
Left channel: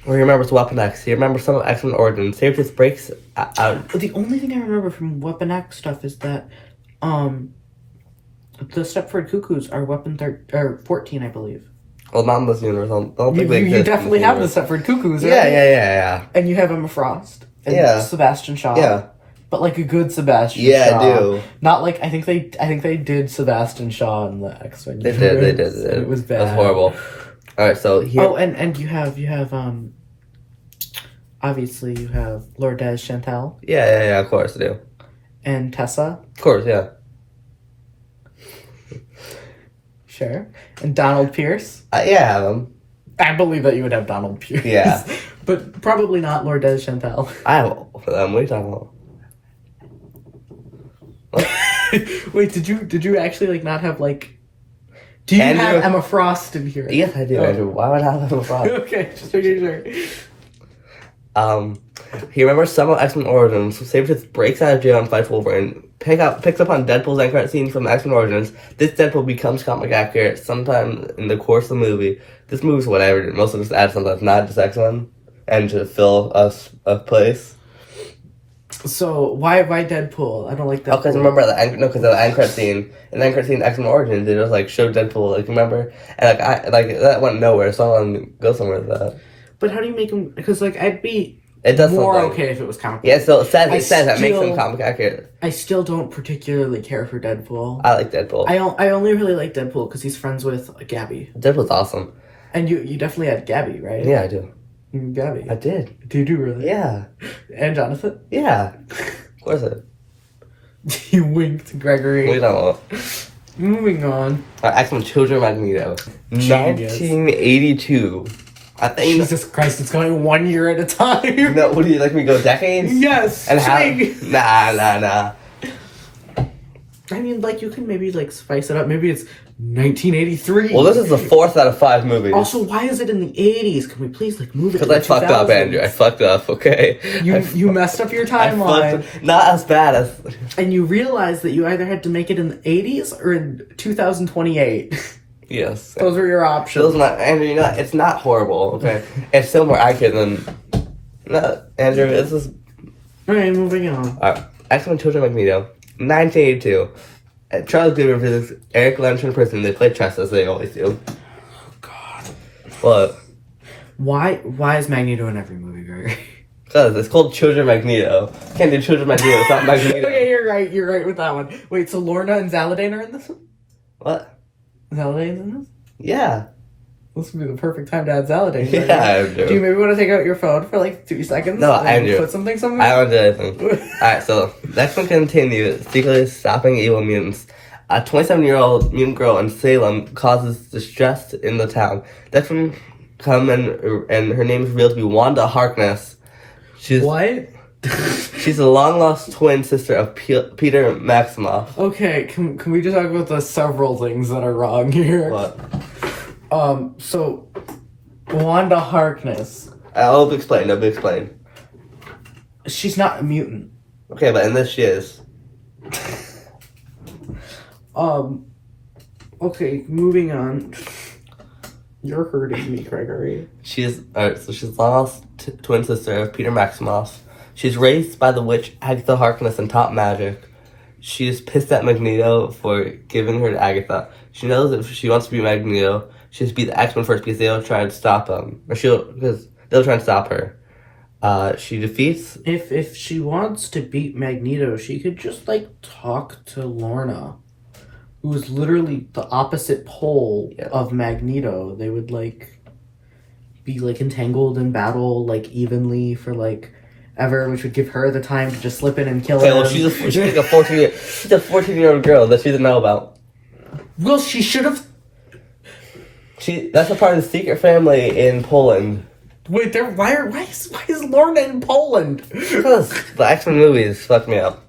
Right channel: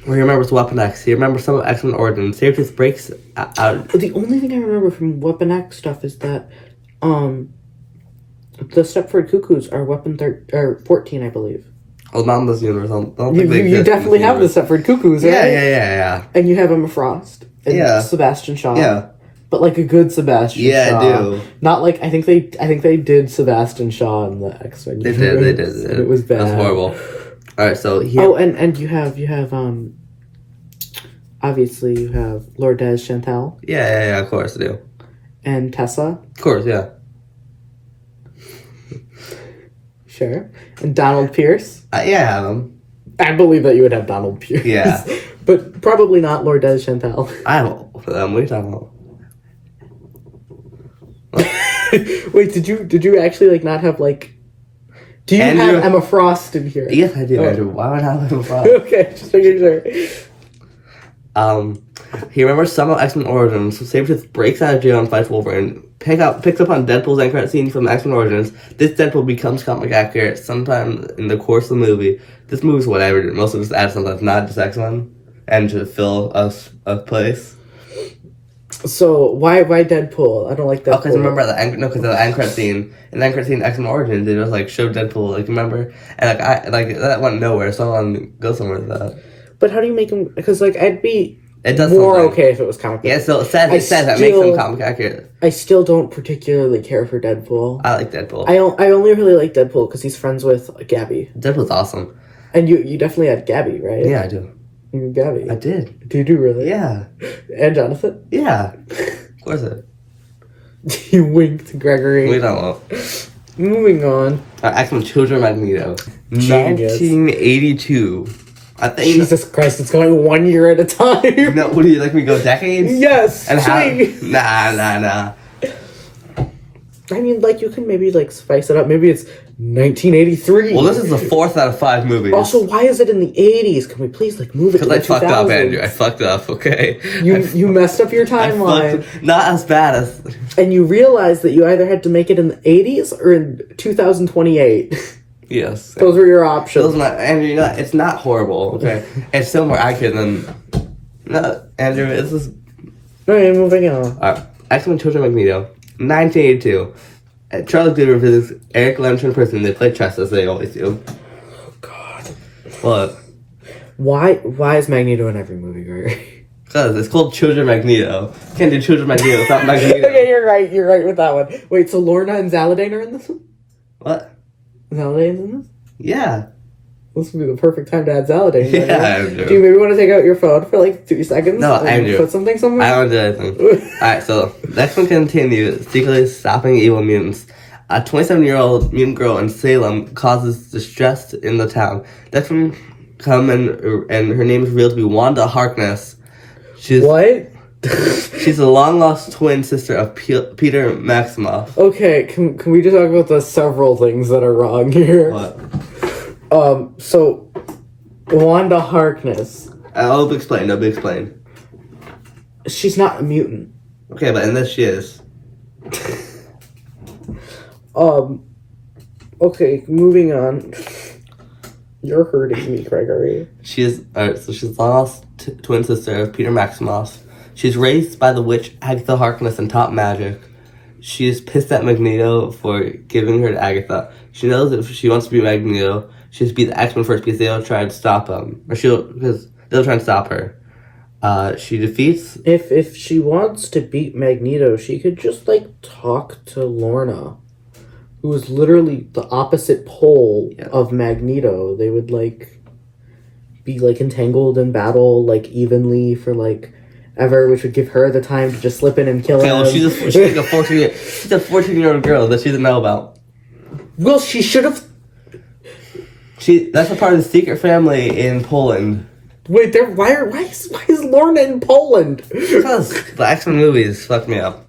Where he remembers Weapon X. He remembers some of X-Men origins. Safety breaks out. The only thing I remember from Weapon X stuff is that, the Stepford Cuckoos are Weapon 14, I believe. Well, not in this universe. I don't think they You exist. definitely have the Stepford Cuckoos, right? Yeah. And you have Emma Frost. And Yeah. Sebastian Shaw. Yeah. But like a good Sebastian Shaw. Yeah, I do. Not like I think they did Sebastian Shaw in the X-Men. They did. And it was bad. That's horrible. Alright, so here... Oh, and you have obviously you have Lourdes Chantel Yeah, of course I do. and Tessa. Of course, yeah. Sure. And Donald Pierce. Yeah, I have them. I believe that you would have Donald Pierce. Yeah. But probably not Lourdes Chantel. I have all of them. What are you talking about? Wait, did you actually like not have like? Do you Andrew- have Emma Frost in here? Yes, I do, Oh. Andrew. Why would I have them from? Okay, just making sure. He remembers some of X-Men Origins, so Sabretooth breaks out of jail and fights Wolverine. Picks up on Deadpool's end credit scene from X-Men Origins. This Deadpool becomes comic accurate sometime in the course of the movie. This movie's whatever, mostly just add something that's not just X-Men, and to fill a place. So why Deadpool? I don't like Deadpool. Oh, because remember the end credit scene. In the end credit scene, X-Men Origins, they just like showed Deadpool, like remember, and that went nowhere. So I want to go somewhere with that. But how do you make him? Because like I'd be It does more something. okay if it was comic. Yeah, so it says that makes him comic accurate. I still don't particularly care for Deadpool. I like Deadpool. I only really like Deadpool because he's friends with Gabby. Deadpool's awesome. And you definitely had Gabby, right? Yeah, I do. You had Gabby. I did. Did you really? Yeah. And Jonathan? Yeah. Of course I did. You winked, Gregory. We don't know. Moving on. X-Men Children of Magneto. Genius. 1982. I think... Jesus Christ, it's going 1 year at a time. No, what do you like me to go decades? Yes. And how... Ching. Nah. I mean, like, you can maybe, like, spice it up. Maybe it's 1983. Well, this is the 4th out of 5 movies. Also, why is it in the 80s? Can we please, like, move it to Because the I fucked up, 2000s? Andrew. I fucked up, okay? You messed up your I timeline. fucked... Not as bad as... And you realized that you either had to make it in the 80s or in 2028. Yes. Those were your options. Those not... Andrew, you know, it's not horrible, okay? It's still more accurate than... No, Andrew, this is... Okay, moving on. Alright. X-Men Children of Magneto. 1982. Charles Goover visits Eric Lemch in prison. They play chess as they always do. Oh, God. What? Why is Magneto in every movie, Gregory? Because it's called Children of Magneto. Can't do Children of Magneto without Magneto. Okay, you're right with that one. Wait, so Lorna and Zaladin are in this one? What? Zaladin's in this? Yeah. This would be the perfect time to add Zaladin. Yeah, right? Andrew. Do you maybe want to take out your phone for like 2 seconds? No, and Andrew. Put something somewhere? I don't do anything. Alright, so next one continues. Secretly stopping evil mutants. A 27-year-old mutant girl in Salem causes distress in the town. Next one come and her name is revealed to be Wanda Harkness. What? She's the long-lost twin sister of Peter Maximoff. Okay, can we just talk about the several things that are wrong here? What? So, Wanda Harkness. I'll explain. She's not a mutant. Okay, but in this she is. Okay, moving on. You're hurting me, Gregory. She's lost twin sister of Peter Maximoff. She's raised by the witch Agatha Harkness and taught magic. She is pissed at Magneto for giving her to Agatha. She knows that if she wants to be Magneto, she has to be the X-Men first because they'll try to stop him. Because they'll try and stop her. She defeats... If she wants to beat Magneto, she could just, like, talk to Lorna, who is literally the opposite pole of Magneto. They would, like, be, like, entangled in battle, like, evenly for, like, ever, which would give her the time to just slip in and kill him. Well, she's like a 14-year-old girl that she doesn't know about. Well, she should have... That's a part of the secret family in Poland. Wait, why is Lorna in Poland? Because the X-Men movies fucked me up.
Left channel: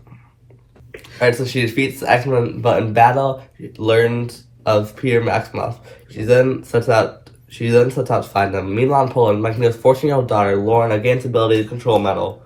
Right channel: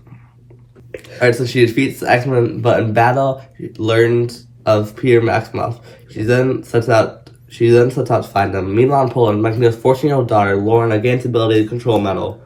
Alright, so she defeats the X-Men, but in battle, she learns of Peter Maximoff. She then sets out to find them. Meanwhile, in Poland, Magneto's 14-year-old daughter, Lorna, gains the ability to control metal.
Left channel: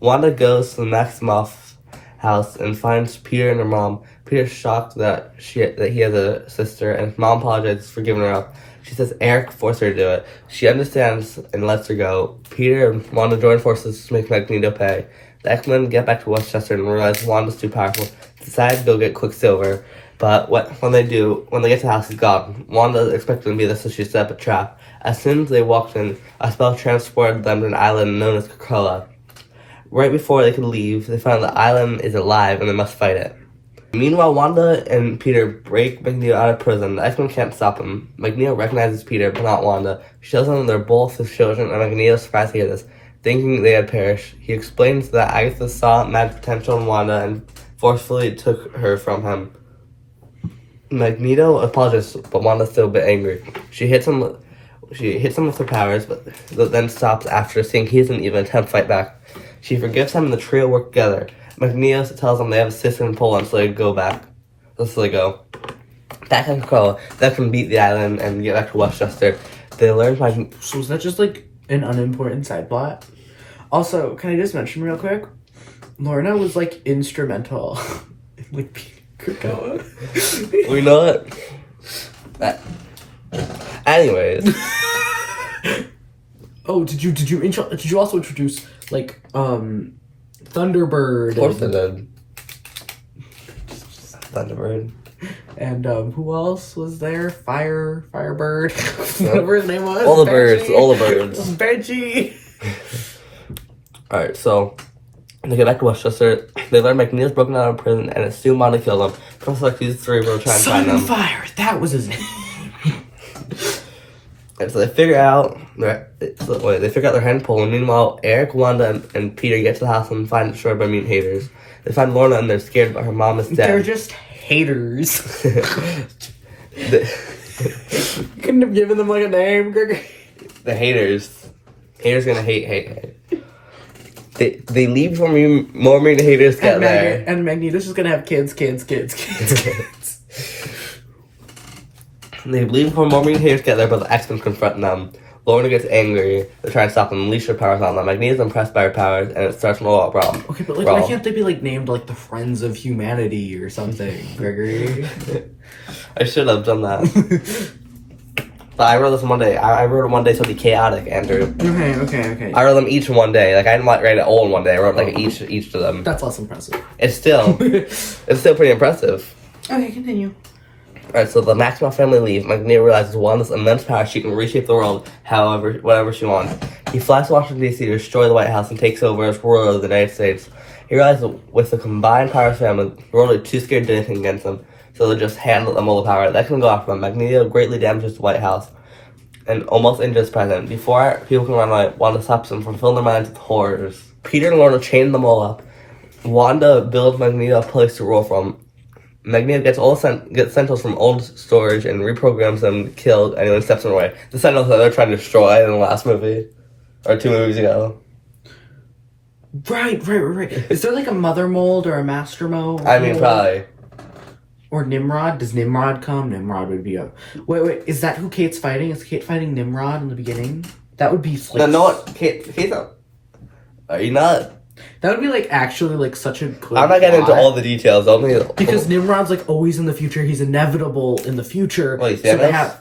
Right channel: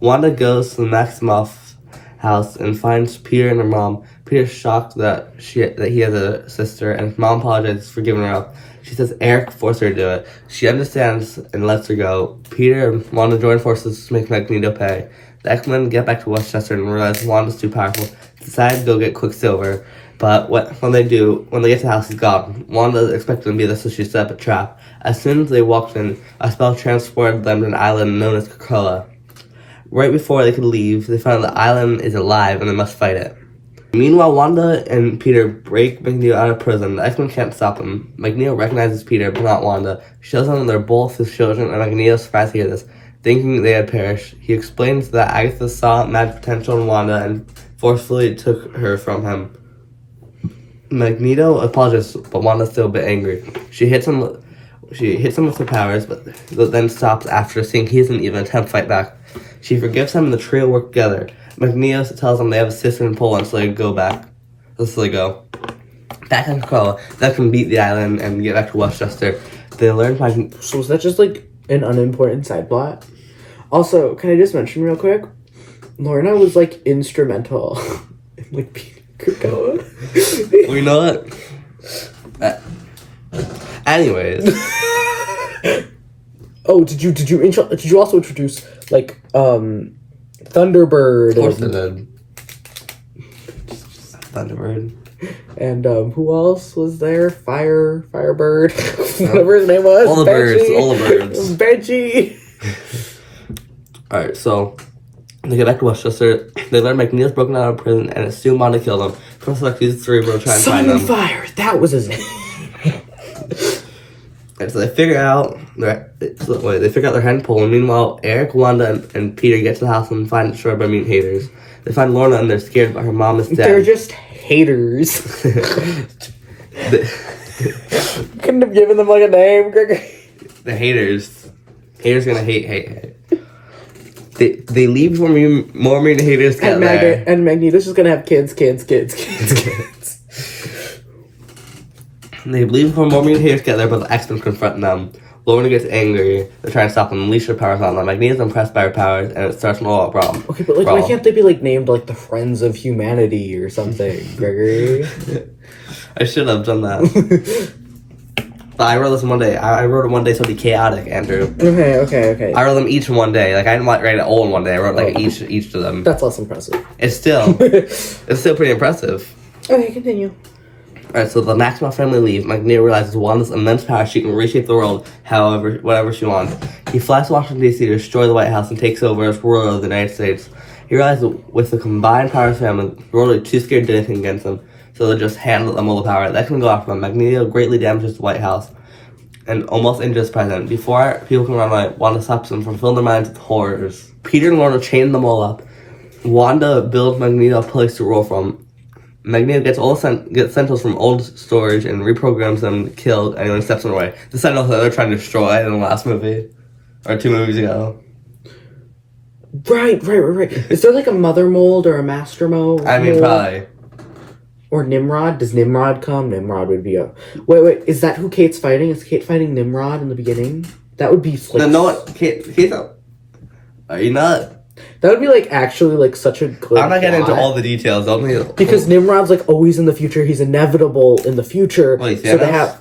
Wanda goes to the Maximoff house and finds Peter and her mom. Peter's shocked that he has a sister, and his mom apologizes for giving her up. She says Eric forced her to do it. She understands and lets her go. Peter and Wanda join forces to make Magneto pay. The X-Men get back to Westchester and realize Wanda's too powerful. Decide to go get Quicksilver. But when they get to the house, he's gone. Wanda is expecting to be there, so she set up a trap. As soon as they walked in, a spell transported them to an island known as Krakoa. Right before they could leave, they find the island is alive and they must fight it. Meanwhile, Wanda and Peter break Magneto out of prison. The X-Men can't stop him. Magneto recognizes Peter, but not Wanda. She shows him they're both his children, and Magneto is surprised to hear this, thinking they had perished. He explains that Agatha saw magic potential in Wanda and forcefully took her from him. Magneto apologizes, but Wanda's still a bit angry. She hits him with her powers, but then stops after seeing he doesn't even attempt to fight back. She forgives him and the trio work together. Magneto tells them they have a sister in Poland, so they go back. So they go. Back in Krakoa, they can beat the island and get back to Westchester. They learn So is that just like an unimportant side plot? Also, can I just mention real quick? Lorna was like instrumental in like beating Krakoa. We know it. Anyways. Oh, did you also introduce like Thunderbird? Of course I did. Thunderbird. And who else was there? Firebird, whatever his name was. All the birds. Benji. Alright, so they get back to Westchester. They learn Magneto's broken out of prison and it's soon bound to kill them. Professor X uses Cerebro to try and find them. Fire. That was his name. And so they figure out their head in Poland. Meanwhile, Eric, Wanda, and Peter get to the house and find it destroyed by mutant haters. They find Lorna and they're scared, but her mom is dead. They're just haters. Couldn't have given them like a name, Gregory. The haters. Haters gonna hate. They leave before more mutant haters get there. And Magneto's just gonna have kids. They leave before more mutant haters get there, but the X-Men confront them. Lorna gets angry. They're trying to stop them, unleash their powers on them. Magneto's impressed by her powers, and it starts an all-out problem. Okay, but like, why can't they be like named like the Friends of Humanity or something, Gregory? I should have done that. But I wrote this in one day. I wrote it one day so it'd be chaotic, Andrew. Okay. I wrote them each in one day. Like I didn't write it all in one day. I wrote like each of them. That's less impressive. It's still pretty impressive. Okay, continue. Alright, so the Maximoff family leave. Magneto realizes Wanda's immense power. She can reshape the world whatever she wants. He flies to Washington, D.C. to destroy the White House and takes over as ruler of the United States. He realizes that with the combined power of the family, the world is too scared to do anything against them, so they just handle them all the power. That can go after them. Magneto greatly damages the White House and almost injures the president. Before people can run away, Wanda stops them from filling their minds with horrors. Peter and Lorna chain them all up. Wanda builds Magneto a place to rule from. Magneto gets Sentinels from old storage and reprograms them to kill anyone who steps in the way. The Sentinels that they're trying to destroy in the last movie. Or 2 movies ago. Right. Is there like a mother mold or a master mold? I mean, probably. Or Nimrod? Does Nimrod come? Nimrod would be a... Wait, is that who Kate's fighting? Is Kate fighting Nimrod in the beginning? That would be... Like, no one... Kate's not... Are you not... That would be like actually like such a good I'm not getting into all the details. Because Nimrod's like always in the future. He's inevitable in the future. Wait, so they have...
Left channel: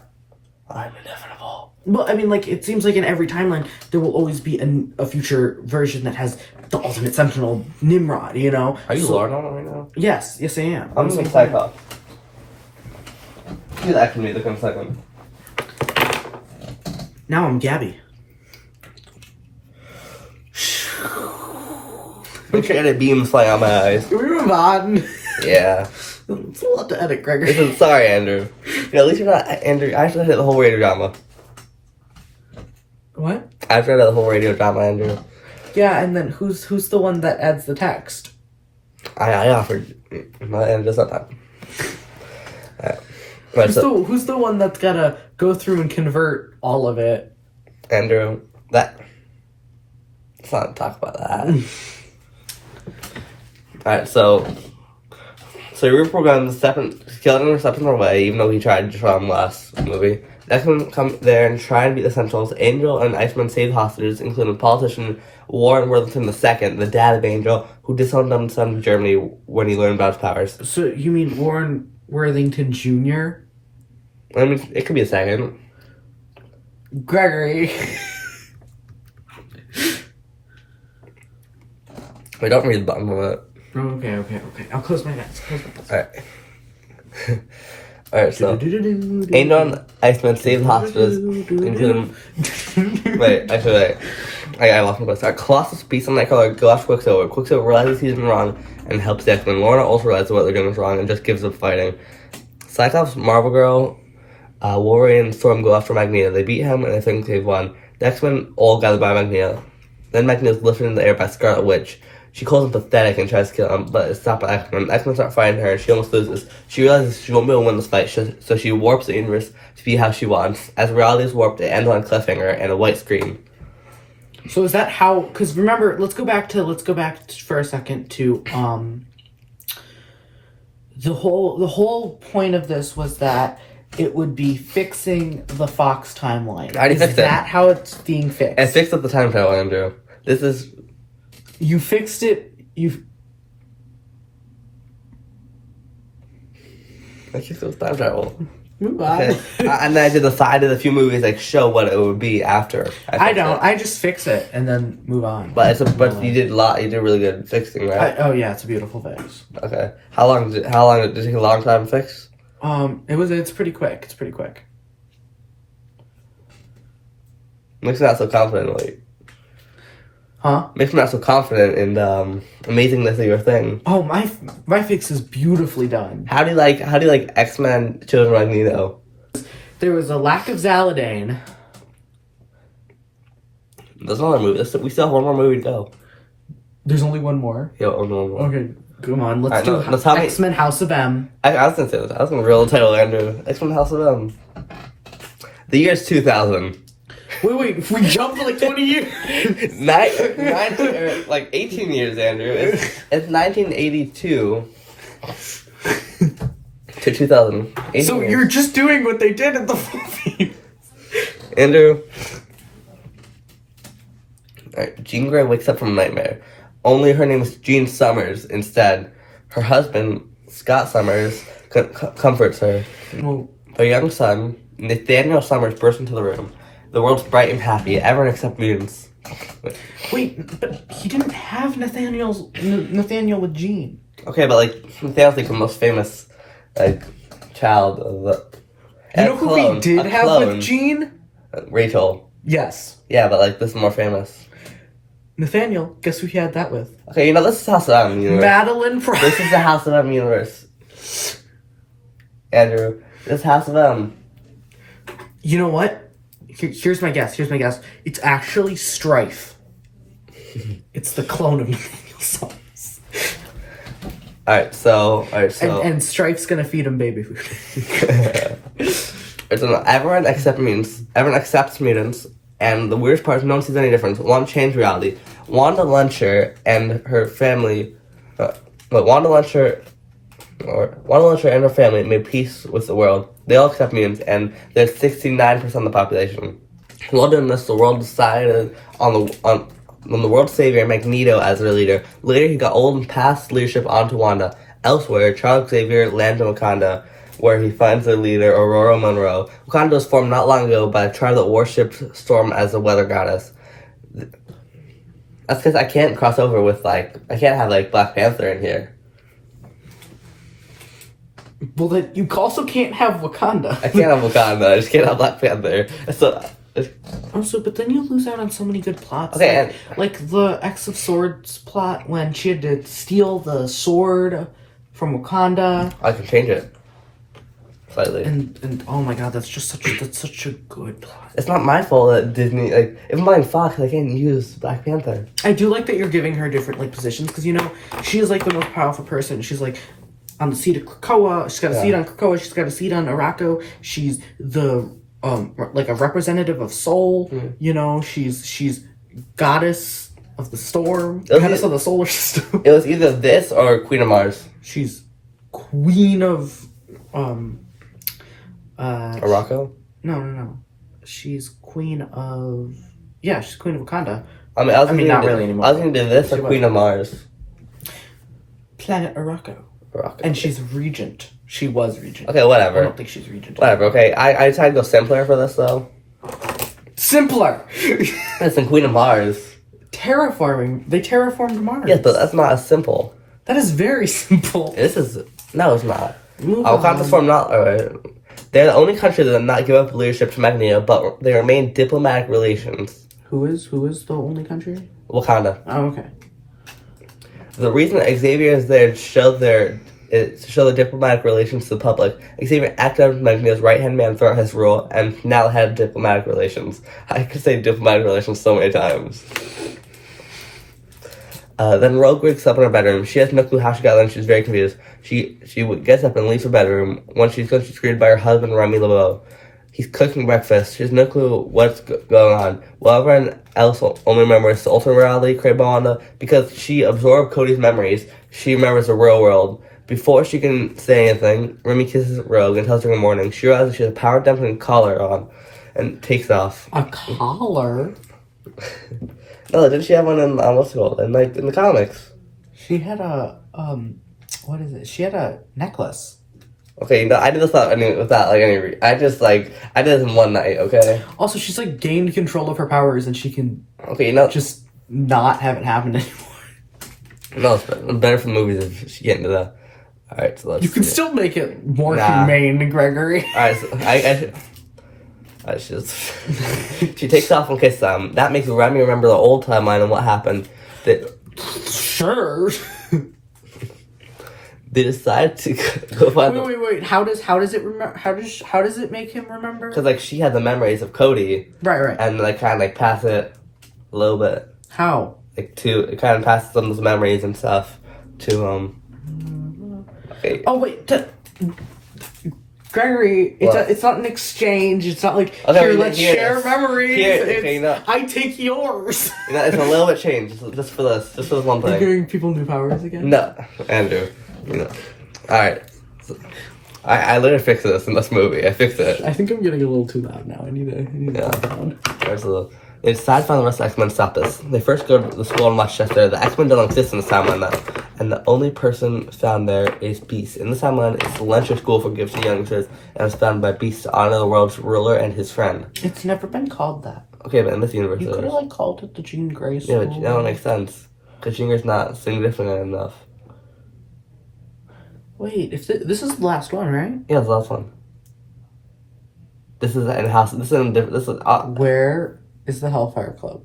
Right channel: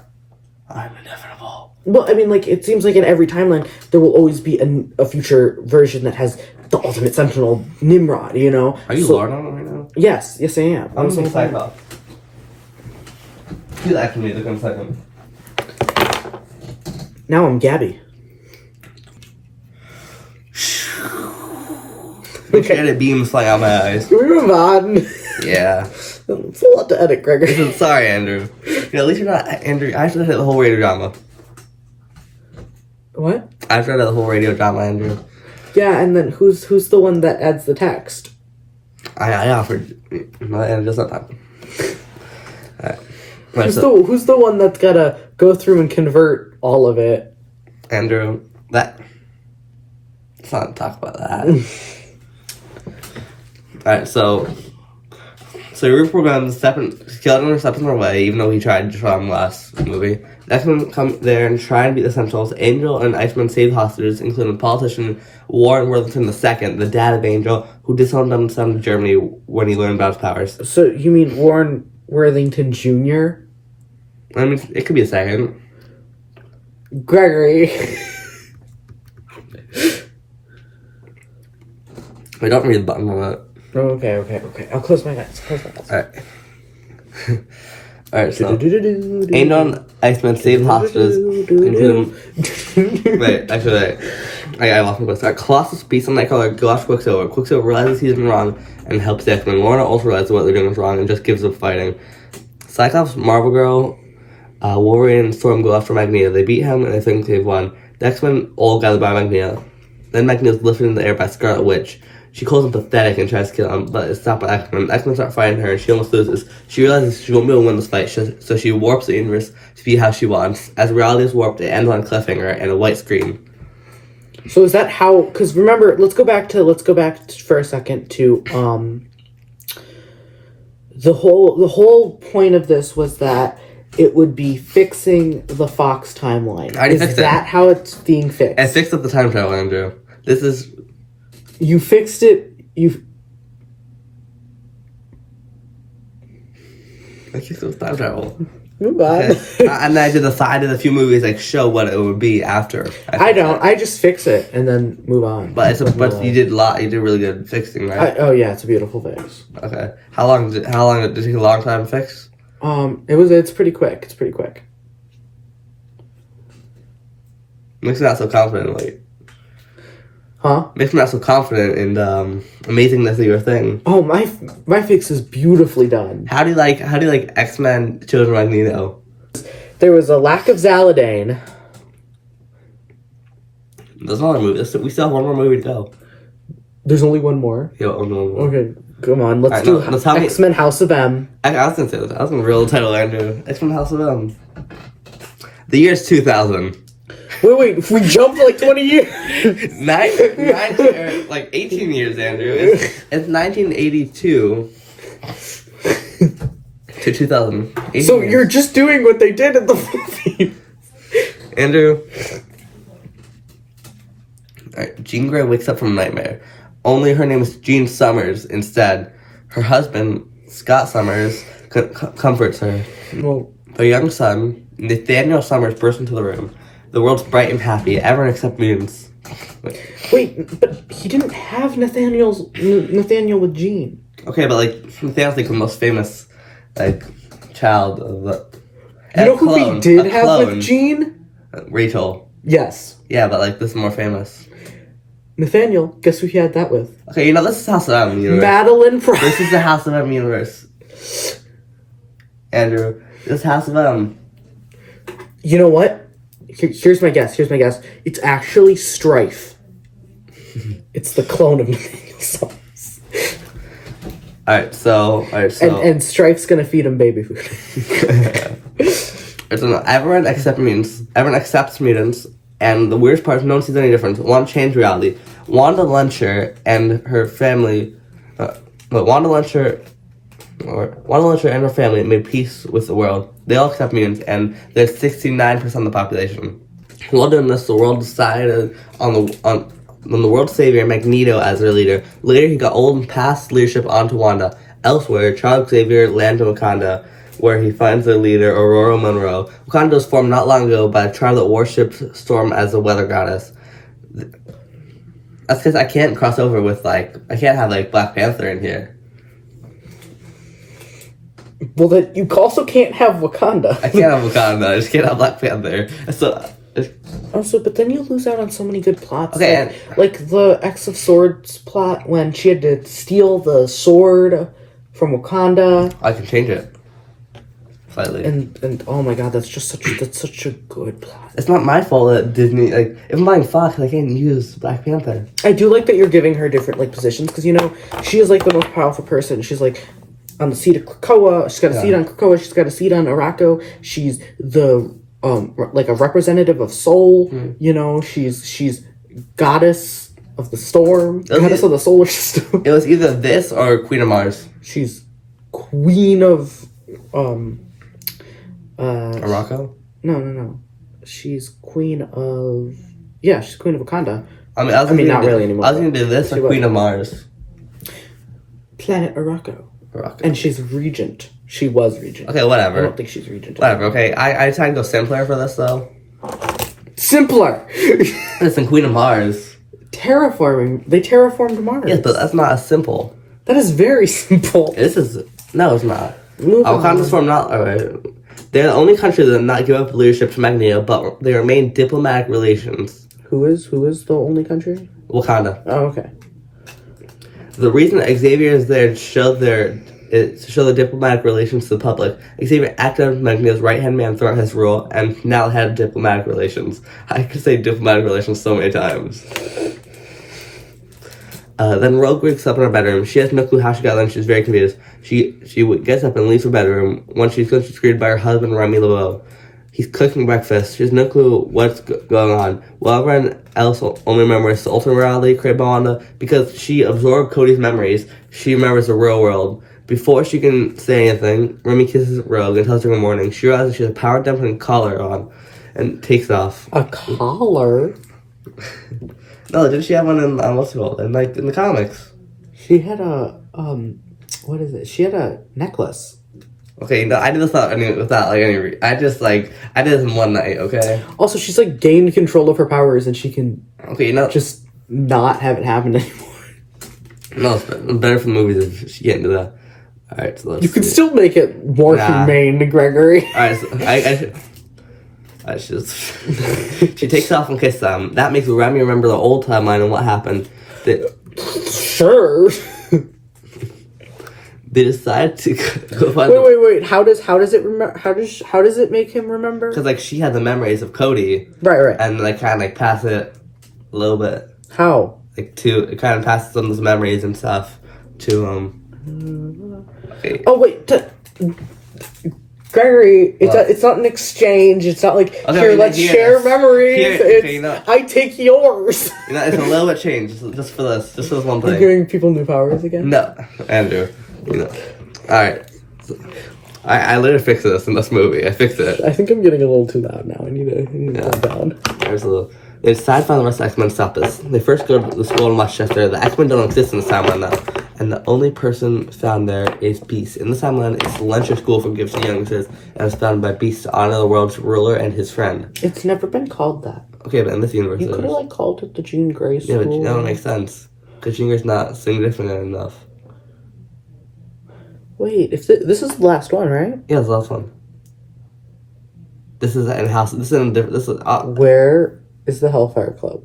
I'm inevitable. Well, I mean, like, it seems like in every timeline, there will always be a future version that has the ultimate Sentinel, Nimrod, you know? Are you Lord on it right now? Yes, I am. I'm just excited about it. You actually made the second. Now I'm Gabby. Make sure the beams fly out my eyes. Can we move on? Yeah. It's a lot to edit, Gregory. Sorry, Andrew. At least you're not Andrew. I actually hit the whole radio drama. What? I've read the whole radio drama, Andrew. Yeah, and then who's the one that adds the text? I offered, and just not that. Who's the one that's gotta go through and convert all of it? Andrew. That. Let's not talk about that. Alright, so Rupert guns Skeleton steps in their way, even though he tried to destroy him last movie. The X-Men come there and try and beat the Sentinels. Angel and Iceman save hostages, including the politician Warren Worthington II, the dad of Angel, who disowned them and sent him to Germany when he learned about his powers. So you mean Warren Worthington Jr.? I mean, it could be a second. Gregory. We don't read the bottom of it. Okay. I'll close my eyes. Alright, so Angel and Iceman save the hostages, including... Wait. I lost my place. Colossus beats on Nightcrawler, go after Quicksilver. Quicksilver realizes he's been wrong and helps the X-Men. Lorna also realizes what they're doing is wrong and just gives up fighting. Cyclops, Marvel Girl, Wolverine, and Storm go after Magneto. They beat him and they think they've won. The X-Men all gather by Magneto. Then Magneto's lifted in the air by Scarlet Witch. She calls him pathetic and tries to kill him, but it's stopped by X-Men. X-Men start fighting her and she almost loses. She realizes she won't be able to win this fight, so she warps the universe to be how she wants. As reality is warped, it ends on a cliffhanger and a white screen. So is that how? Because remember, let's go back for a second to the whole point of this was that it would be fixing the Fox timeline. I already fixed it. Is that how it's being fixed? I fixed up the time travel, Andrew. This is... You fixed it. I fixed up the time travel. Move on. And then I decided a few movies show what it would be after. I don't. I just fix it and then move on. But you did really good fixing, right? Oh yeah, it's a beautiful fix. Okay. How long did it take a long time to fix? It's pretty quick. It's pretty quick. Makes me not so confident, like. Huh? Makes me not so confident in the amazingness of your thing. Oh, my fix is beautifully done. How do you like X-Men Children of Magneto? There was a lack of Zaladane. There's another movie. We still have one more movie to go. There's only one more? Yeah, one more. Okay, come on. Let's do X-Men House of M. I was going to say this. I was going to reveal the title, Andrew. X-Men House of M. The year is 2000. Wait, if we jumped 20 years. 18 years, Andrew. It's 1982 to 2000. So years. You're just doing what they did in the movie. Andrew. Alright, Jean Grey wakes up from a nightmare. Only her name is Jean Summers instead. Her husband, Scott Summers, comforts her. Well, Her young son, Nathaniel Summers, bursts into the room. The world's bright and happy, everyone except mutants. Wait, but he didn't have Nathaniel with Jean. Okay, but Nathaniel's the most famous child of the... You know who he did have with Jean? Rachel. Yes. Yeah, but this is more famous. Nathaniel, guess who he had that with? Okay, this is House of M universe. Madeline Price. This is the House of M universe. Andrew, this is House of M. You know what? Here's my guess. It's actually Strife. It's the clone of Nathaniel Summers. Alright, so... And Strife's gonna feed him baby food. Everyone accepts mutants, and the weirdest part is no one sees any difference. One changed reality. Wanda Luncher and her family... Wanda Luncher and her family made peace with the world. They all accept mutants, and there's 69% of the population. While doing this, the world decided on the world savior Magneto as their leader. Later, he got old and passed leadership on to Wanda. Elsewhere, Charles Xavier lands in Wakanda, where he finds their leader, Aurora Monroe. Wakanda was formed not long ago by a tribe that worshipped Storm as a weather goddess. That's because I can't cross over with, I can't have, Black Panther in here. Well, then you also can't have Wakanda. I can't have Wakanda. I just can't have Black Panther. But then you lose out on so many good plots. Okay, like the X of Swords plot when she had to steal the sword from Wakanda. I can change it slightly. And oh my god, that's such a good plot. It's not my fault that Disney if I'm buying Fox, I can't use Black Panther. I do like that you're giving her different positions because she is the most powerful person. She's on the seat of Krakoa. She's got a seat on Krakoa. She's got a seat on Araco. She's the like a representative of Soul. You know, she's goddess of the storm, goddess of the solar system. It was either this or Queen of Mars. She's queen of Morocco? No. She's queen of she's queen of Wakanda. I mean, not really anymore. I was gonna do this or Queen of Mars. Planet Morocco. Morocco. And she's regent. She was regent. Okay, whatever. I don't think she's regent. Whatever, okay. I tried to go simpler for this, though. Simpler! Listen, Queen of Mars. Terraforming. They terraformed Mars. Yes, but that's not as simple. That is very simple. This is... No, it's not. Move on. Wakanda's form not... Alright. They're the only country that did not give up leadership to Magneto, but they remain diplomatic relations. Who is the only country? Wakanda. Oh, okay. The reason Xavier is there to show their diplomatic relations to the public. Xavier acted as Magneto's right-hand man throughout his rule, and now head of diplomatic relations. I could say diplomatic relations so many times. Then Rogue wakes up in her bedroom. She has no clue how she got there, and she's very confused. She gets up and leaves her bedroom. Once she's gone, she's greeted by her husband, Remy LeBeau. He's cooking breakfast. She has no clue what's going on. While everyone else only remembers the ultimate reality created by Wanda, because she absorbed Cody's memories, she remembers the real world. Before she can say anything, Remy kisses Rogue and tells her good morning. She realizes she has a power dampening collar on and takes off. A collar? No, didn't she have one in, what's it called? In the comics. She had a, what is it? She had a necklace. Okay, no, I did this without any I just, I did this in one night, okay? Also, she's, gained control of her powers and she can Okay, just not have it happen anymore. No, it's better for the movies if she get into that. Alright, so let's You can still make it more humane to Gregory. Alright, so she takes off and kisses them. That makes Remy remember the old timeline and what happened. Sure. They decide to go find. Wait. How does it remember? How does it make him remember? Because she had the memories of Cody. Right. And kind of pass it a little bit. How? It kind of passes some of those memories and stuff to Okay. Oh wait. Gregory, it's not an exchange. It's not let's share memories. I take yours. It's a little bit changed just for this one thing. You're giving people new powers again? No, Andrew. Alright. I literally fixed this in this movie. I fixed it. I think I'm getting a little too loud now. I need to calm down. They decide to find the rest of X-Men to stop this. They first go to the school in Westchester. The X-Men don't exist in this timeline now. And the only person found there is Beast. In this timeline, it's the Lensher School for Gifted Youngsters, and it's founded by Beast to honor the world's ruler and his friend. It's never been called that. Okay, but in this universe you could have called it the Jean Grey School. Yeah, but that would make sense. Because Jean Grey's not significant enough. Wait, this is the last one, right? Yeah, it's the last one. This is in house. This is in different. This is. Where is the Hellfire Club?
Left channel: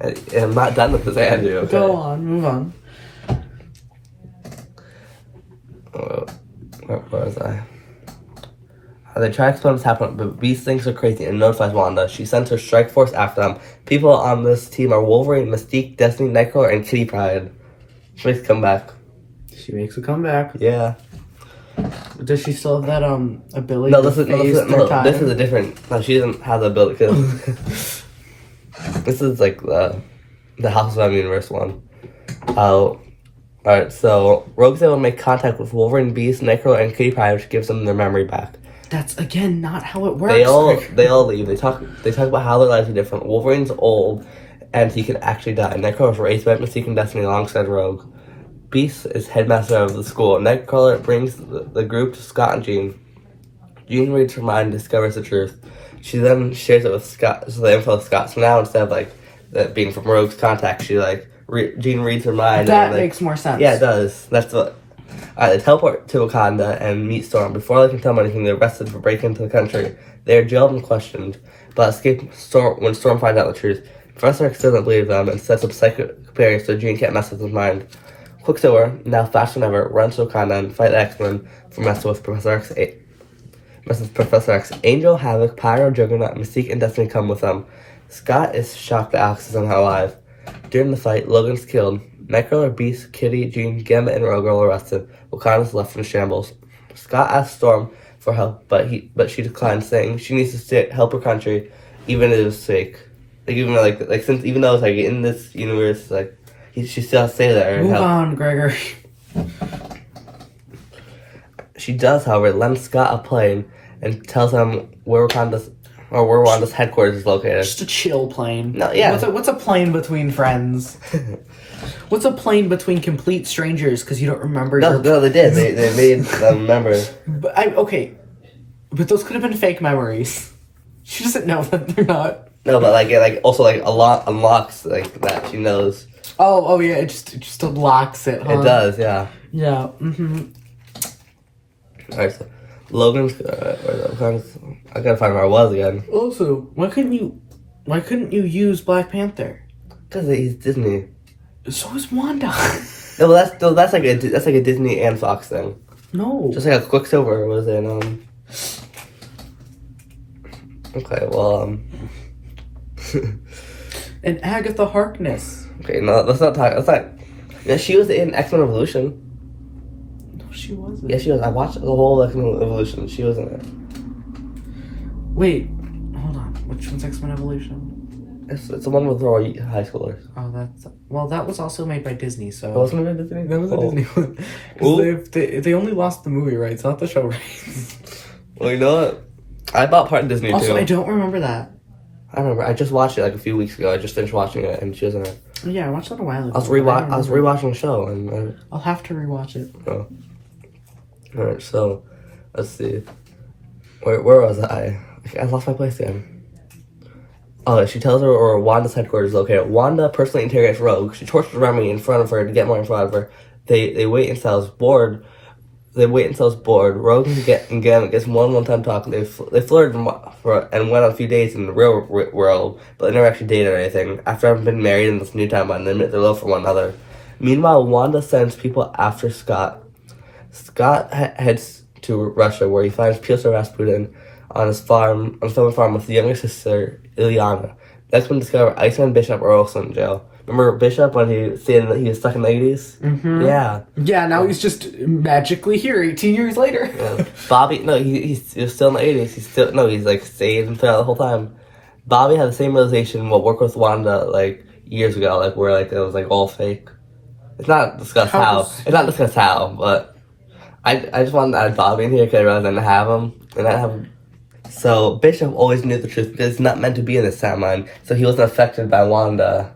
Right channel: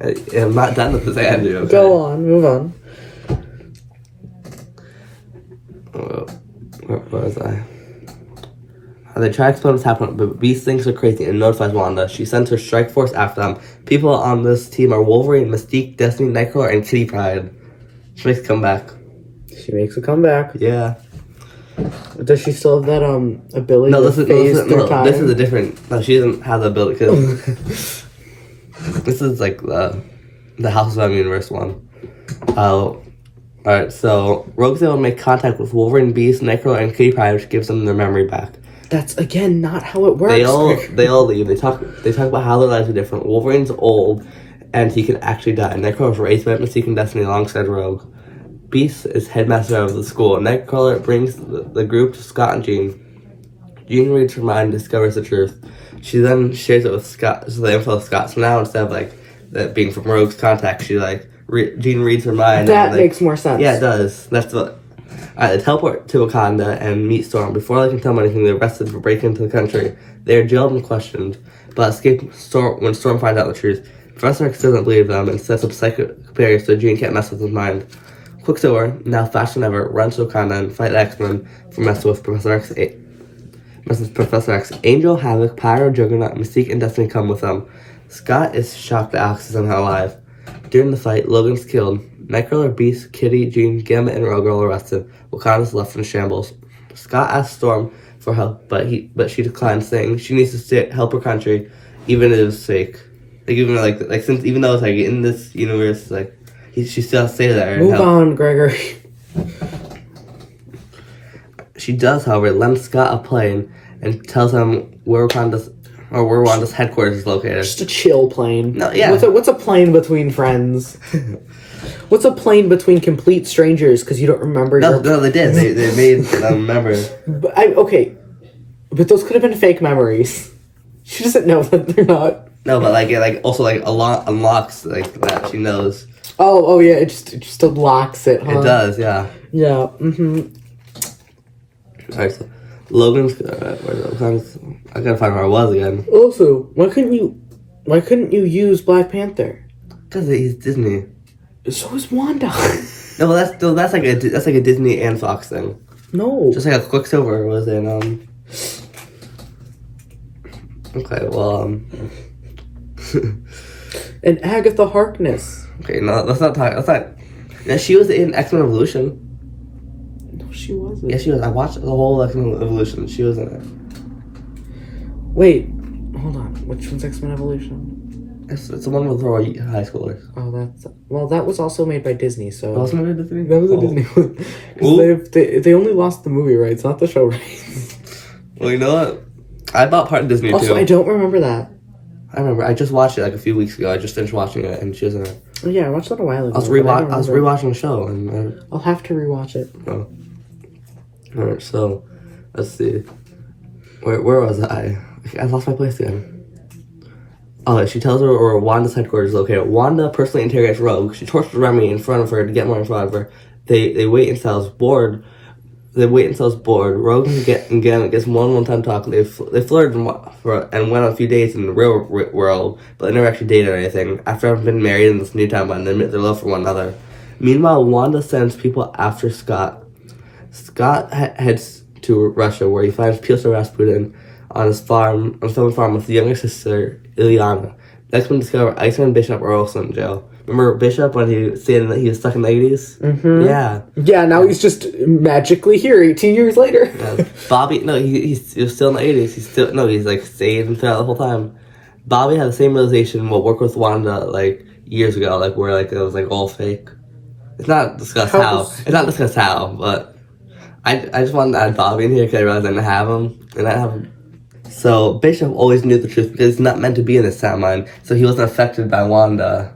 I'm not done with this, Andrew. Okay? Go on, move on. Where was I? They try to explain what's happening, but Beast thinks they're crazy and notifies Wanda. She sends her strike force after them. People on this team are Wolverine, Mystique, Destiny, Nightcrawler, and Kitty Pryde. She makes a comeback. Yeah. Does she still have that ability? No, this is a different. No, she doesn't have the ability. Cause this is the House of M universe one. Alright, so Rogue's able to make contact with Wolverine, Beast, Nightcrawler, and Kitty Pryde, which gives them their memory back. That's again not how it works. They all leave. They talk about how their lives are different. Wolverine's old, and he can actually die. Nightcrawler's raised by Mystique and Destiny alongside Rogue. Beast is headmaster of the school. Nightcrawler brings the group to Scott and Jean. Jean reads her mind and discovers the truth. She then shares it with Scott, so the info with Scott. So now instead of that being from Rogue's contact, she Jean reads her mind. That makes more sense. Yeah, it does. That's what. They teleport to Wakanda and meet Storm. Before they can tell them anything, they're arrested for breaking into the country. They are jailed and questioned, but escape when Storm finds out the truth. Professor X doesn't believe them and sets up psychic barriers so Jean can't mess with his mind. Quicksilver, now faster than ever, runs to Wakanda and fight the X-Men for messing with Professor X. Angel, Havoc, Pyro, Juggernaut, Mystique, and Destiny come with them. Scott is shocked that Alex is somehow alive. During the fight, Logan's killed. Nightcrawler, Beast, Kitty, Jean, Gambit, and Rogue are arrested. Wakanda's left in shambles. Scott asks Storm for help, but she declined, saying she needs to help her country, even if it was fake. Like even like since even though it's like in this universe, like she still has to stay there. Move on, Gregory. She does, however, lends Scott a plane and tells him where Wanda's headquarters is located. Just a chill plane. No, yeah. What's a plane between friends? What's a plane between complete strangers? Because you don't remember. No, they did. They made them remember. But those could have been fake memories. She doesn't know that they're not. No, but it also a lot unlocks that she knows. Oh yeah, it just unlocks it. Huh? It does, yeah. Yeah. Mm-hmm. Alright, so Logan's. I gotta find where I was again. Also, why couldn't you use Black Panther? Because he's Disney. So is Wanda. No, but that's like a Disney and Fox thing. No. Just like a Quicksilver was in Okay, well And Agatha Harkness. Okay, no, let's not talk. That's not. Yeah, she was in X-Men Evolution. No, she wasn't. Yeah, she was. I watched the whole X-Men Evolution. She was in it. Wait, hold on. Which one's X-Men Evolution? It's the one with all high schoolers. Oh, that was also made by Disney. So Wasn't it a Disney? that was a Disney one. 'Cause they only lost the movie rights, not the show rights. Well, you know what? I bought part of Disney Also, too. I don't remember that. I remember. I just watched it a few weeks ago. I just finished watching it, and she was in it. Oh, yeah, I watched that a while ago. I was rewatching the show, and I'll have to rewatch it. oh. All right, so let's see. Where was I? I lost my place again. Oh, she tells her where Wanda's headquarters is located. Wanda personally interrogates Rogue. She tortures Remy in front of her to get more info out of her. They wait until it's bored. Rogue gets one-time talk. They flirted and went on a few dates in the real world, but they never actually dated or anything. After having been married in this new timeline, they admit their love for one another. Meanwhile, Wanda sends people after Scott. Scott heads to Russia, where he finds Piotr Rasputin on his family farm with his younger sister, Ilyana. The X-Men discover Iceman and Bishop are also in jail. Remember Bishop when he said that he was stuck in the 80s? Mm-hmm. Yeah. Yeah, now he's just magically here 18 years later. Yeah. Bobby, no, he was still in the 80s. He's like staying throughout the whole time. Bobby had the same realization what worked with Wanda years ago, where it was all fake. It's not discussed how, but I just wanted to add Bobby in here because I realized I didn't have him. So Bishop always knew the truth because he's not meant to be in this timeline, so he wasn't affected by Wanda.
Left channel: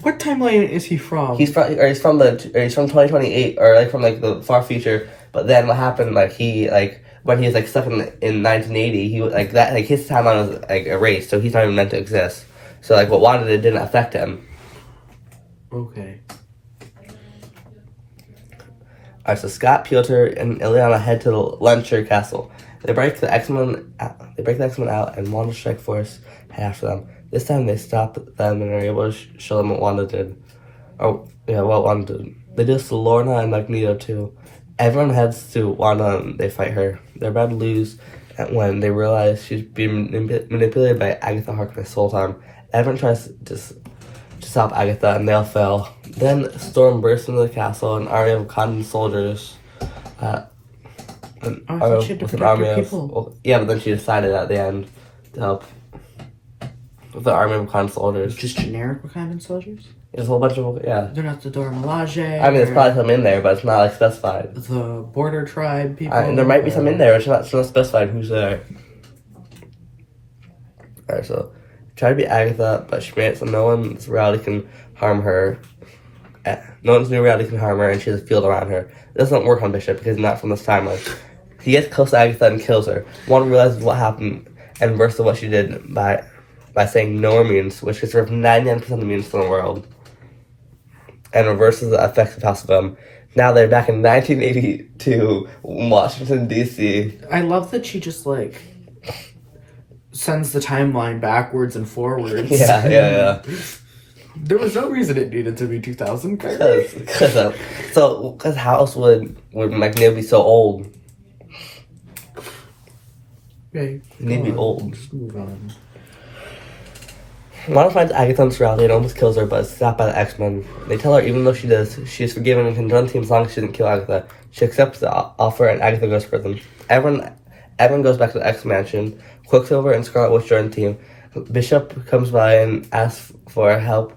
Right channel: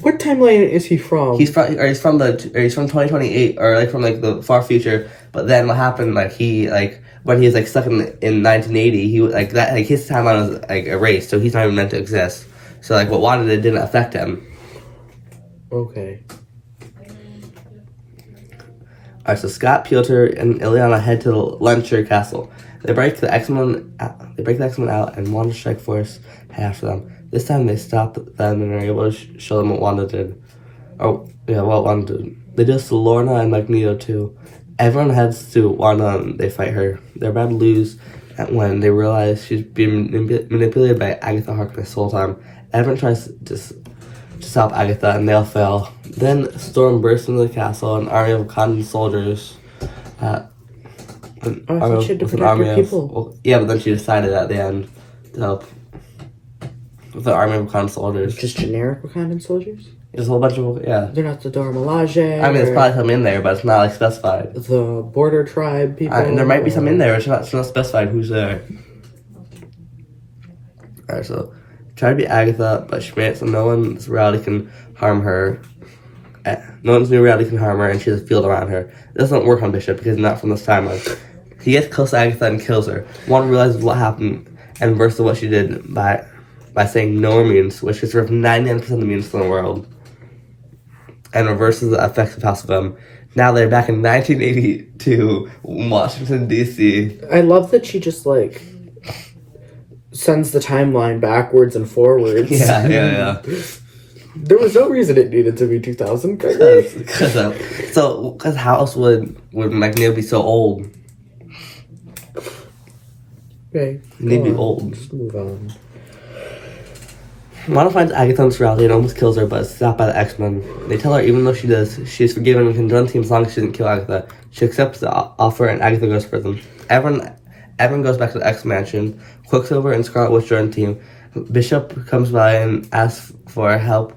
What timeline is he from? He's from 2028 or from the far future. But then what happened? When he was stuck in 1980, he his timeline was erased, so he's not even meant to exist. So what Wanda did didn't affect him. Okay. Alright, so Scott, Piotr, and Ilyana head to the Luncher Castle. They break the X-Men out, and Wanda's strike force head after them. This time they stop them and are able to show them what Wanda did. What Wanda did. They do this to Lorna and Magneto too. Everyone heads to Wanda and they fight her. They're about to lose when they realize she's being manipulated by Agatha Harkness the whole time. Everyone tries to stop Agatha and they all fail. Then Storm bursts into the castle, an army of Wakandan soldiers. With an army of people. Yeah, but then she decided at the end to help with the army of Wakandan soldiers. Just generic Wakandan soldiers? There's a whole bunch of They're not the Dora Milaje. I mean, there's probably some in there, but it's not specified. The border tribe people. And there might be some in there, but it's not specified who's there. Alright, so try to be Agatha, but she made it so no one's reality can harm her. No one's new reality can harm her, and she has a field around her. It doesn't work on Bishop because he's not from this timeline. He gets close to Agatha and kills her. One realizes what happened and reverses what she did by saying no more mutants, which gets rid of 99% of the mutants in the world, and reverses the effects of House of M. Now they're back in 1982, Washington, D.C. I love that she just sends the timeline backwards and forwards. Yeah. There was no reason it needed to be 2000. Because how else would Magneto be so old? Okay, He need to be old. Just move on. Wanda finds Agatha in this reality and almost kills her, but is stopped by the X-Men. They tell her even though she is forgiven and can join the team as long as she doesn't kill Agatha. She accepts the offer and Agatha goes to prison. Everyone Evan goes back to the X Mansion. Quicksilver and Scarlet Witch join the team. Bishop comes by and asks for help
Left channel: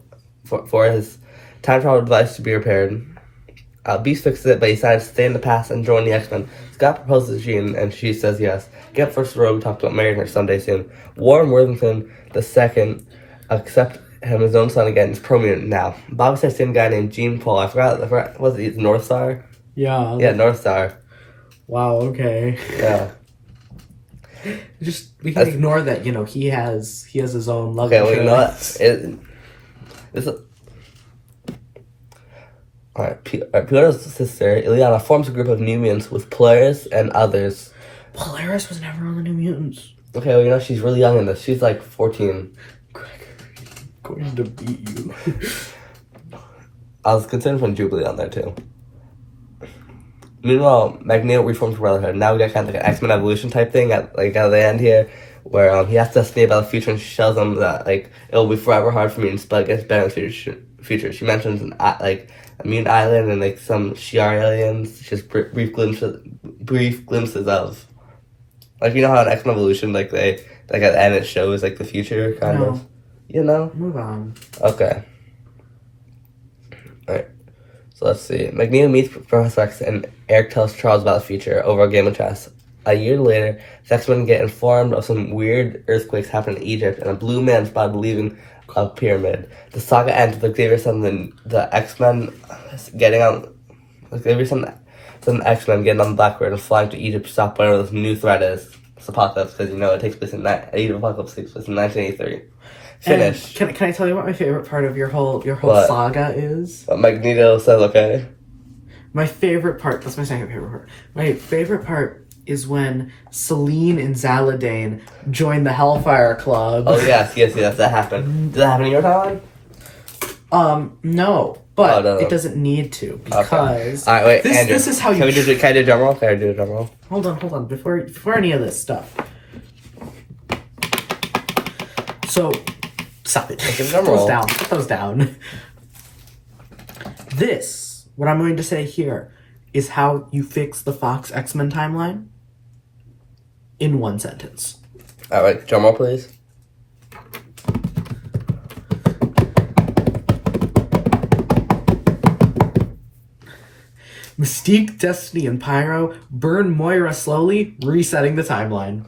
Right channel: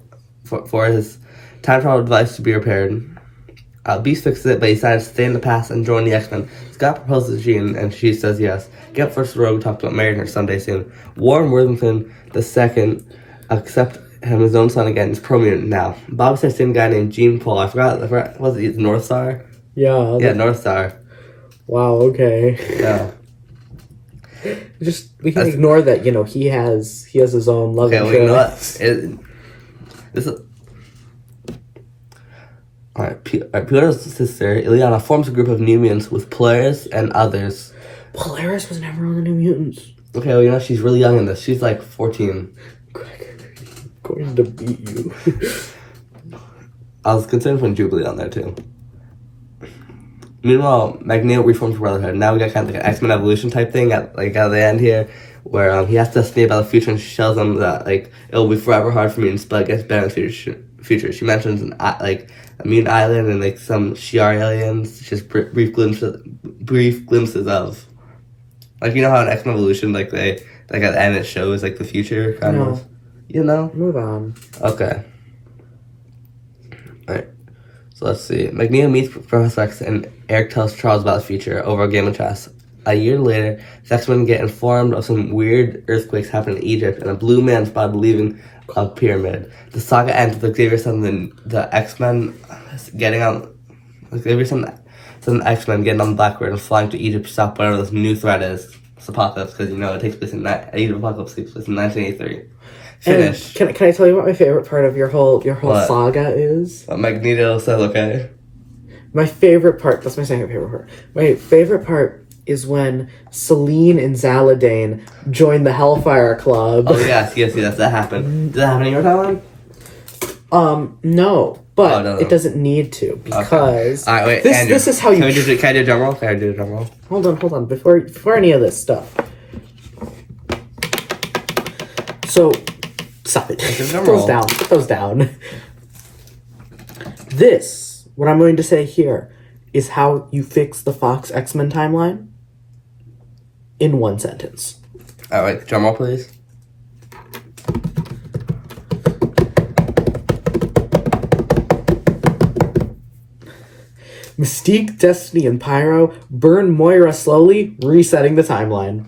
for his time travel device to be repaired. Beast fixes it, but he decides to stay in the past and join the X-Men. Scott proposes to Jean, and she says yes. Get first Rogue talked about marrying her someday soon. Warren Worthington II accept him his own son again. He's pro-mutant now. Bob starts seeing a guy named Gene Paul. I forgot, was it North Star? Yeah. Yeah, North Star. Wow, okay. Yeah. Just, we can ignore that, he has his own love interest. Alright, Peter's sister, Ileana, forms a group of new mutants with Polaris and others. Polaris was never on the New Mutants. Okay, well, she's really young in this. She's like 14. Gregory, going to beat you. I was concerned when Jubilee on there, too. Meanwhile, Magneto reforms Brotherhood. Now we got kind of like an X-Men evolution type thing at the end here, where he has to estimate about the future, and she tells him that it'll be forever hard for mutants, but it gets better in the future. She mentions a mutant island and some Shi'ar aliens. Just brief glimpses of, how in X-Men evolution at the end it shows the future kind of. Move on. Okay. All right. So let's see. Magneto meets Professor X, and Eric tells Charles about the future over a game of chess. A year later, the X-Men get informed of some weird earthquakes happening in Egypt, and a blue man spotted leaving a pyramid. The saga ends with Xavier and the X-Men getting on. Xavier and the X-Men getting on the Blackbird and flying to Egypt to stop whatever this new threat is. It's Apocalypse, because it takes place in Age of Apocalypse takes place in 1983. Finished. Can I tell you what my favorite part of your whole saga is? Magneto says okay. My favorite part, that's my second favorite part. My favorite part is when Selene and Zaladane join the Hellfire Club. Oh yes, that happened. Did that happen in your timeline? No. But it doesn't need to, because... Okay. Alright, wait, Andrew. This is how you... Can I do a drum roll? Can I do a drum roll? Hold on. Before any of this stuff. So... Stop it. Put those down. This, what I'm going to say here, is how you fix the Fox X-Men timeline in one sentence. Alright, drum roll, please. Mystique, Destiny, and Pyro burn Moira slowly, resetting the timeline.